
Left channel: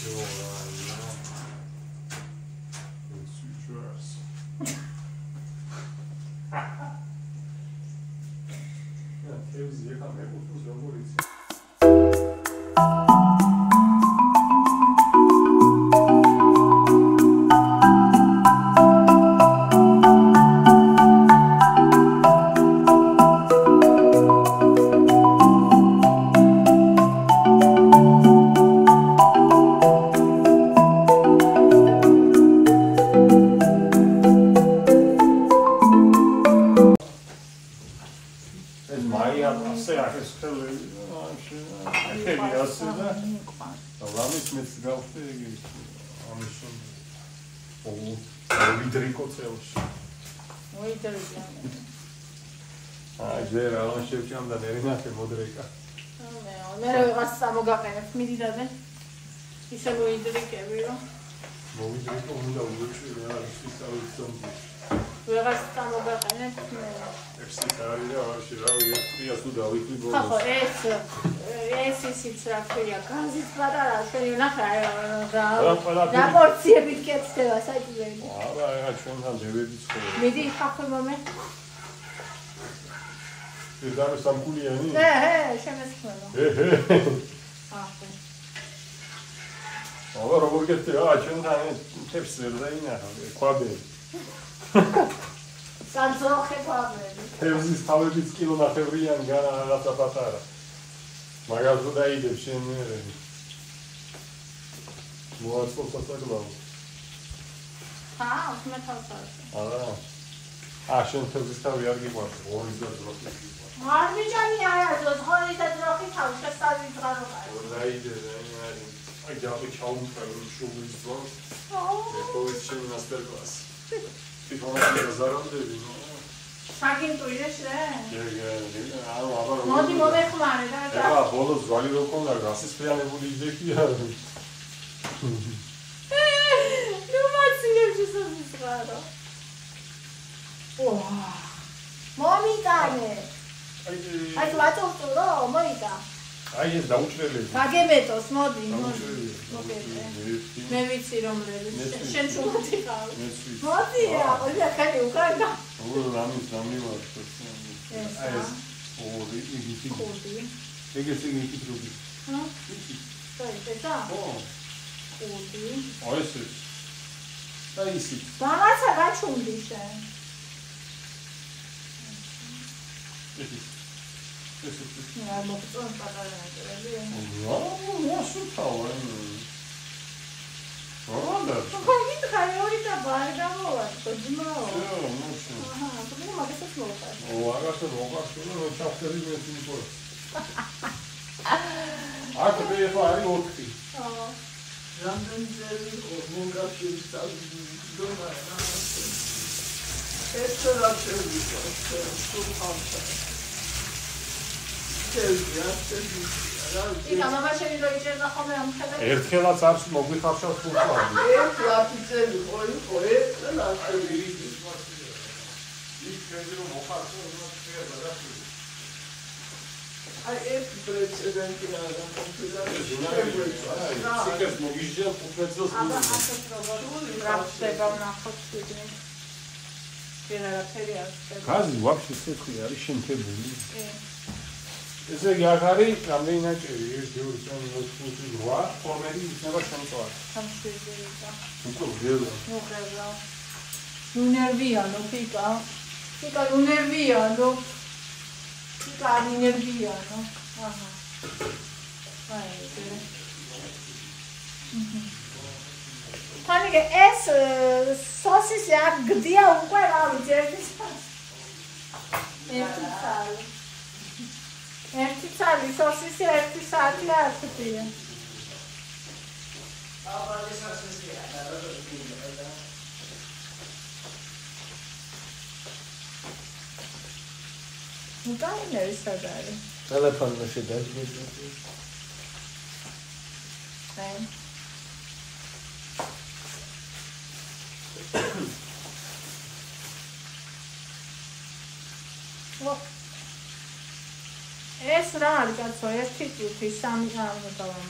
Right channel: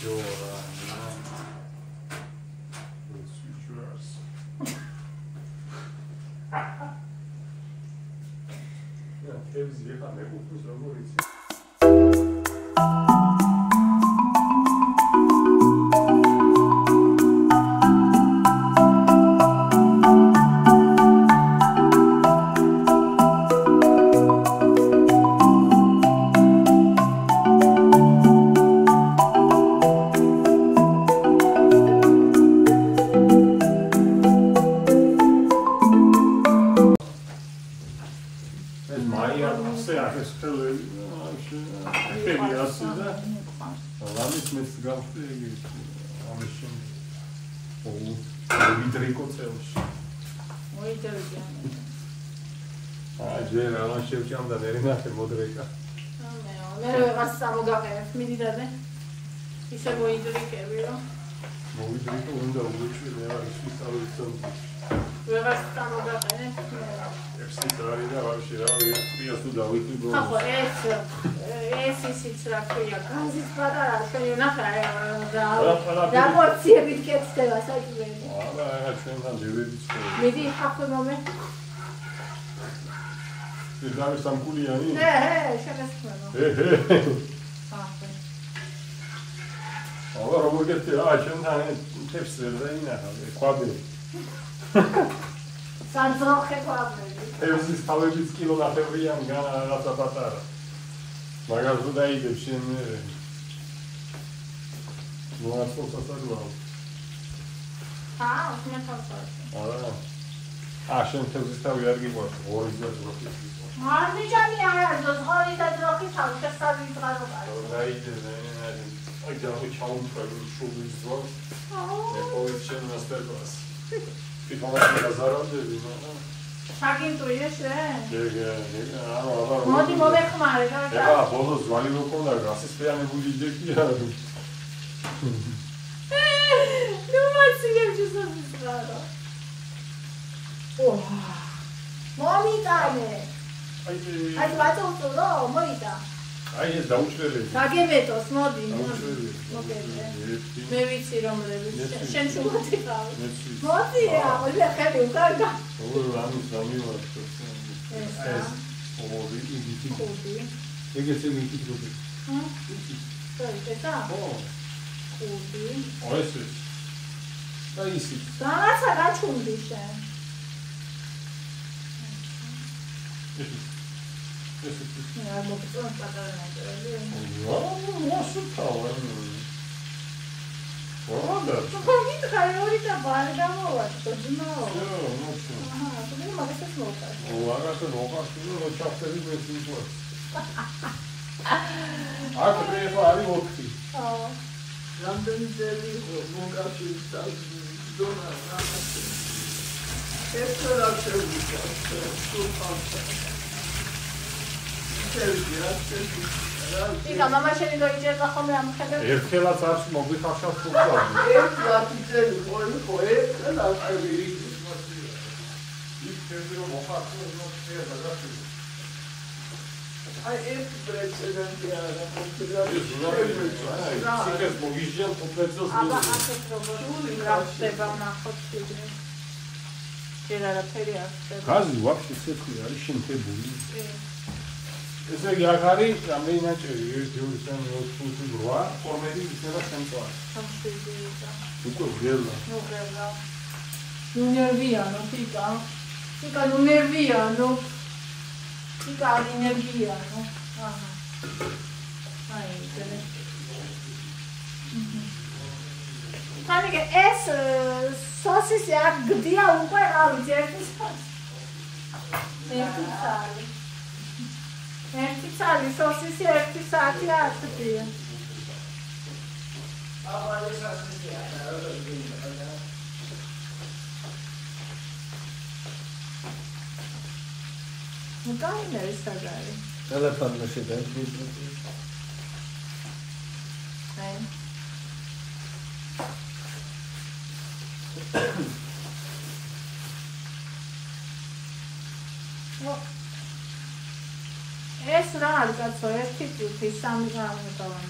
Все, it's yours. Тевзи ეხა მეკუთვნის როგორ იცი. ჯერა რა შევჭამდა ნერინახე მოდრეკა. მე რა ვიღაც სამოგაყენებ მიდი დადე. ისე მოიდრიკები რომ მოვიდრიკო უნდა უჩვენე არის ისწავლეთ ვეღარ გამოგაყენეთ მე. ეფსი არის და ვაში რა ვიწყია თუ დავითი გონს. ხო ეს ისიც რა ქვია გაზის პატარა შენი ნახე რა პორციებით კეთდება საჭიროა. არა რა ჩვენთან ჯებედიც ხო. მიდი ხახო მომე. ეს დამე სამკურიანი? შემესწრებო. ახლა აბა როგორ გეთია ჩვენთან თებს ვერ დაინახა ყვაბი. სანძოხე ყვაბი. თევზის თავებიც კილონახევრიან რაღაცა პატარა. მაგას თუ დაიდებ შენ მოასწორსაცადოა. მე თავსავე. არა. შენ თევზის თავი არ გიყვარს, ორი და ძროხი გიყვარს. არ მიჯანი არა, ორი და ძროხი თავი შესწავლი ბრალო კარი. დაიდე, აი ჯავი ჩაუმწევ შუბის ძვას. მე ყოველ შენ მასტერკლასი. ფიქრობდი გაზარამდები, ნო. საგინტუირე შენ? აბა მოდი მოვეხმარე და ეხლა ბოლოს ძვალი რო ყოლა გასისხლიანებული იჯექია. ნუ მოციგებს ისწრაფა. მომიტანე. აი ვაწოვწო, მომიტა. აი ეს დაუჭრელი. გაგემეტოს, მოდი. მე ვიცი რომლები. შენ შუღათი ხარ. მოდი რა, ორი ხელი უკარდა. რამის ვარ. ეს ორი იგივე. ეგეც იგივე. ესა? ორი. აი ეს. აი ეს. რაღაცა გაჩუნდი შენ. არ მოგწონს პატარა ნაჭრელი? მოსუთავენ. რა? ხარ ორი და ბარი გამოვაწყო, ძმაო. ნუ მაგასაც მოვყარ. აგასა მოყარში რომ ჩახტები მესმის. აკეთე ხო არის ოქი. რამდენი ძელი მოგაშიც დონა რაღაცა. ეს რა შეიძლება ისა მამა შენი დაიჭერდა ხოლმე ამ ხედებს? ერთხელაც არც მოგვიხარშავს თუქავი. ეს ლაფიძელი ხო ეს ლაფიძელი ის ფერი რომ მოხარშო რომ შეიძლება გასული. აი ეს პრეცედენტია რომ სიკეს მოგიჟელ თუქნეთს აბა ასეთ როგორ რა ხდება ნახოთ კიდე. ჯერ არაფერი არ ხდება. გაზი ვაფშე სეთხი არის შემთებული. ესე იგი აქ არის რამდენი ნაჭერი 1 2 3 4 5 8 ფორმები იქნება სამწვარი. სამშვიდობო. უკვე ველა. ნუ ველა. ნუ ნერვიანო ფიკა. ფიკა ნუ ნერვიანო. ფიკა არის ნერვიანო. აჰა. აი დელე. თანიგე ეს სოსისი აქ გდია უკვე არ ძერდის. ერთი წალი სოსისი ერთი საათი აწვდია. აბა ეს ასეა რა ნუ დაინერი სადარი. ტელეფონში შედარდი. ეს რა არის კაცო, ერთი წუთი, სამი გავამოწავა.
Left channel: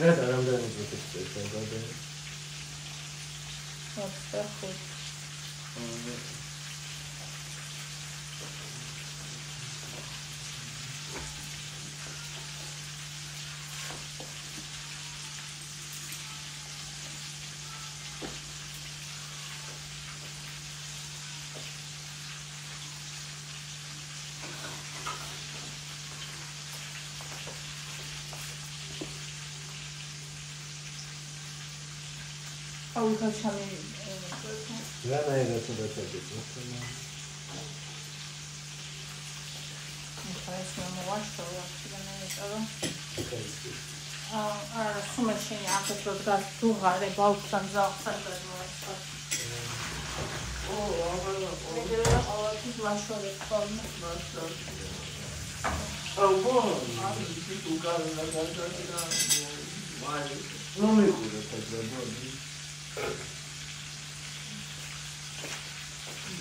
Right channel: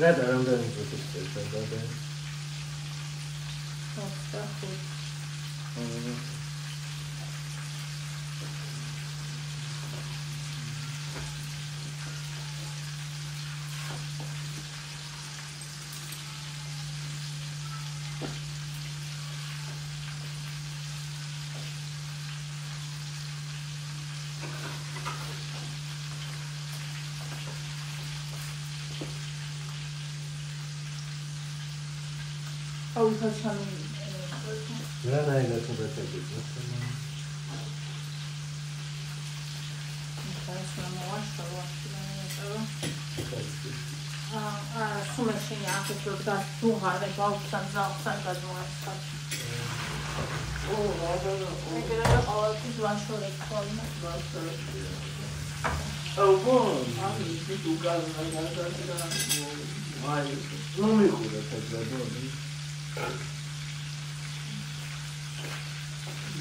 რა დაახლოებით წუთი. აუ ხოჩამი. რა ნაირად უბრალოდ სუმეშენი ახეთრობ და თუღარე ბავშვთან ზავხთან გადმოასწრა. ის ვაშორეთ ხოლმე. აუ ბო, აი თუ გარდა ნუ მიხურეთ ეგრე.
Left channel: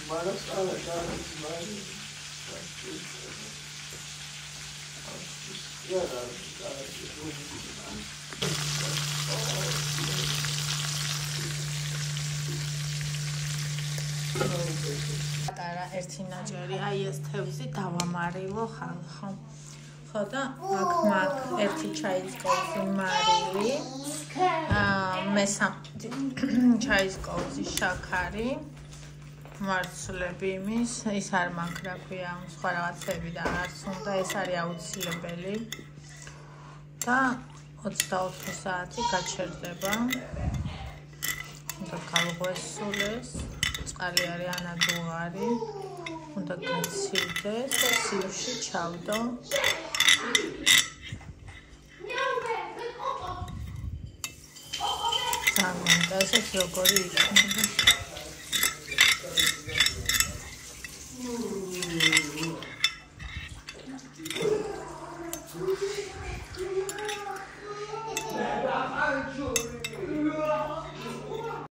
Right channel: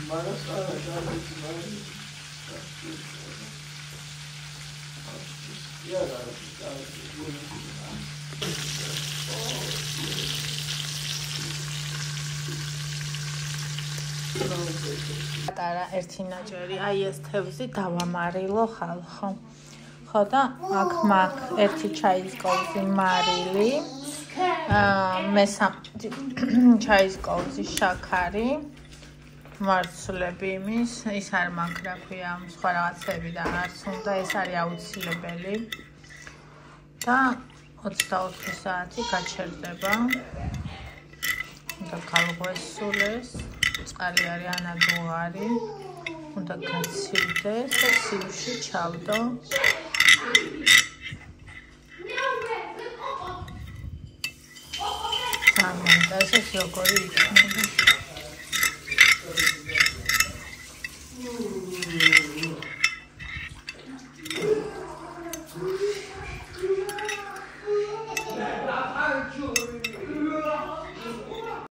მაგას არა გაიგზავნა. პატარა ერთი ნაჭერი, აი ეს თევზი დავამარილო ხალხო. ხო და აქ მაგ ერთი ჩაის კოვზი მარილი, მესამე ჩაის კოვზი შაქარი, მარცვლები იმის, ის არ მაქვს რა ქვია, სხვა რაღაცები და არც უნდა, ეს არის აუცილებელი. და 24 საათი გაჩერდება. უნდა გავღვესულეს, წყალი არის ანადუღარი, უნდა გაცივდეს და სიუში ჩავდო. ძალიან და ეს როგორი იქნება.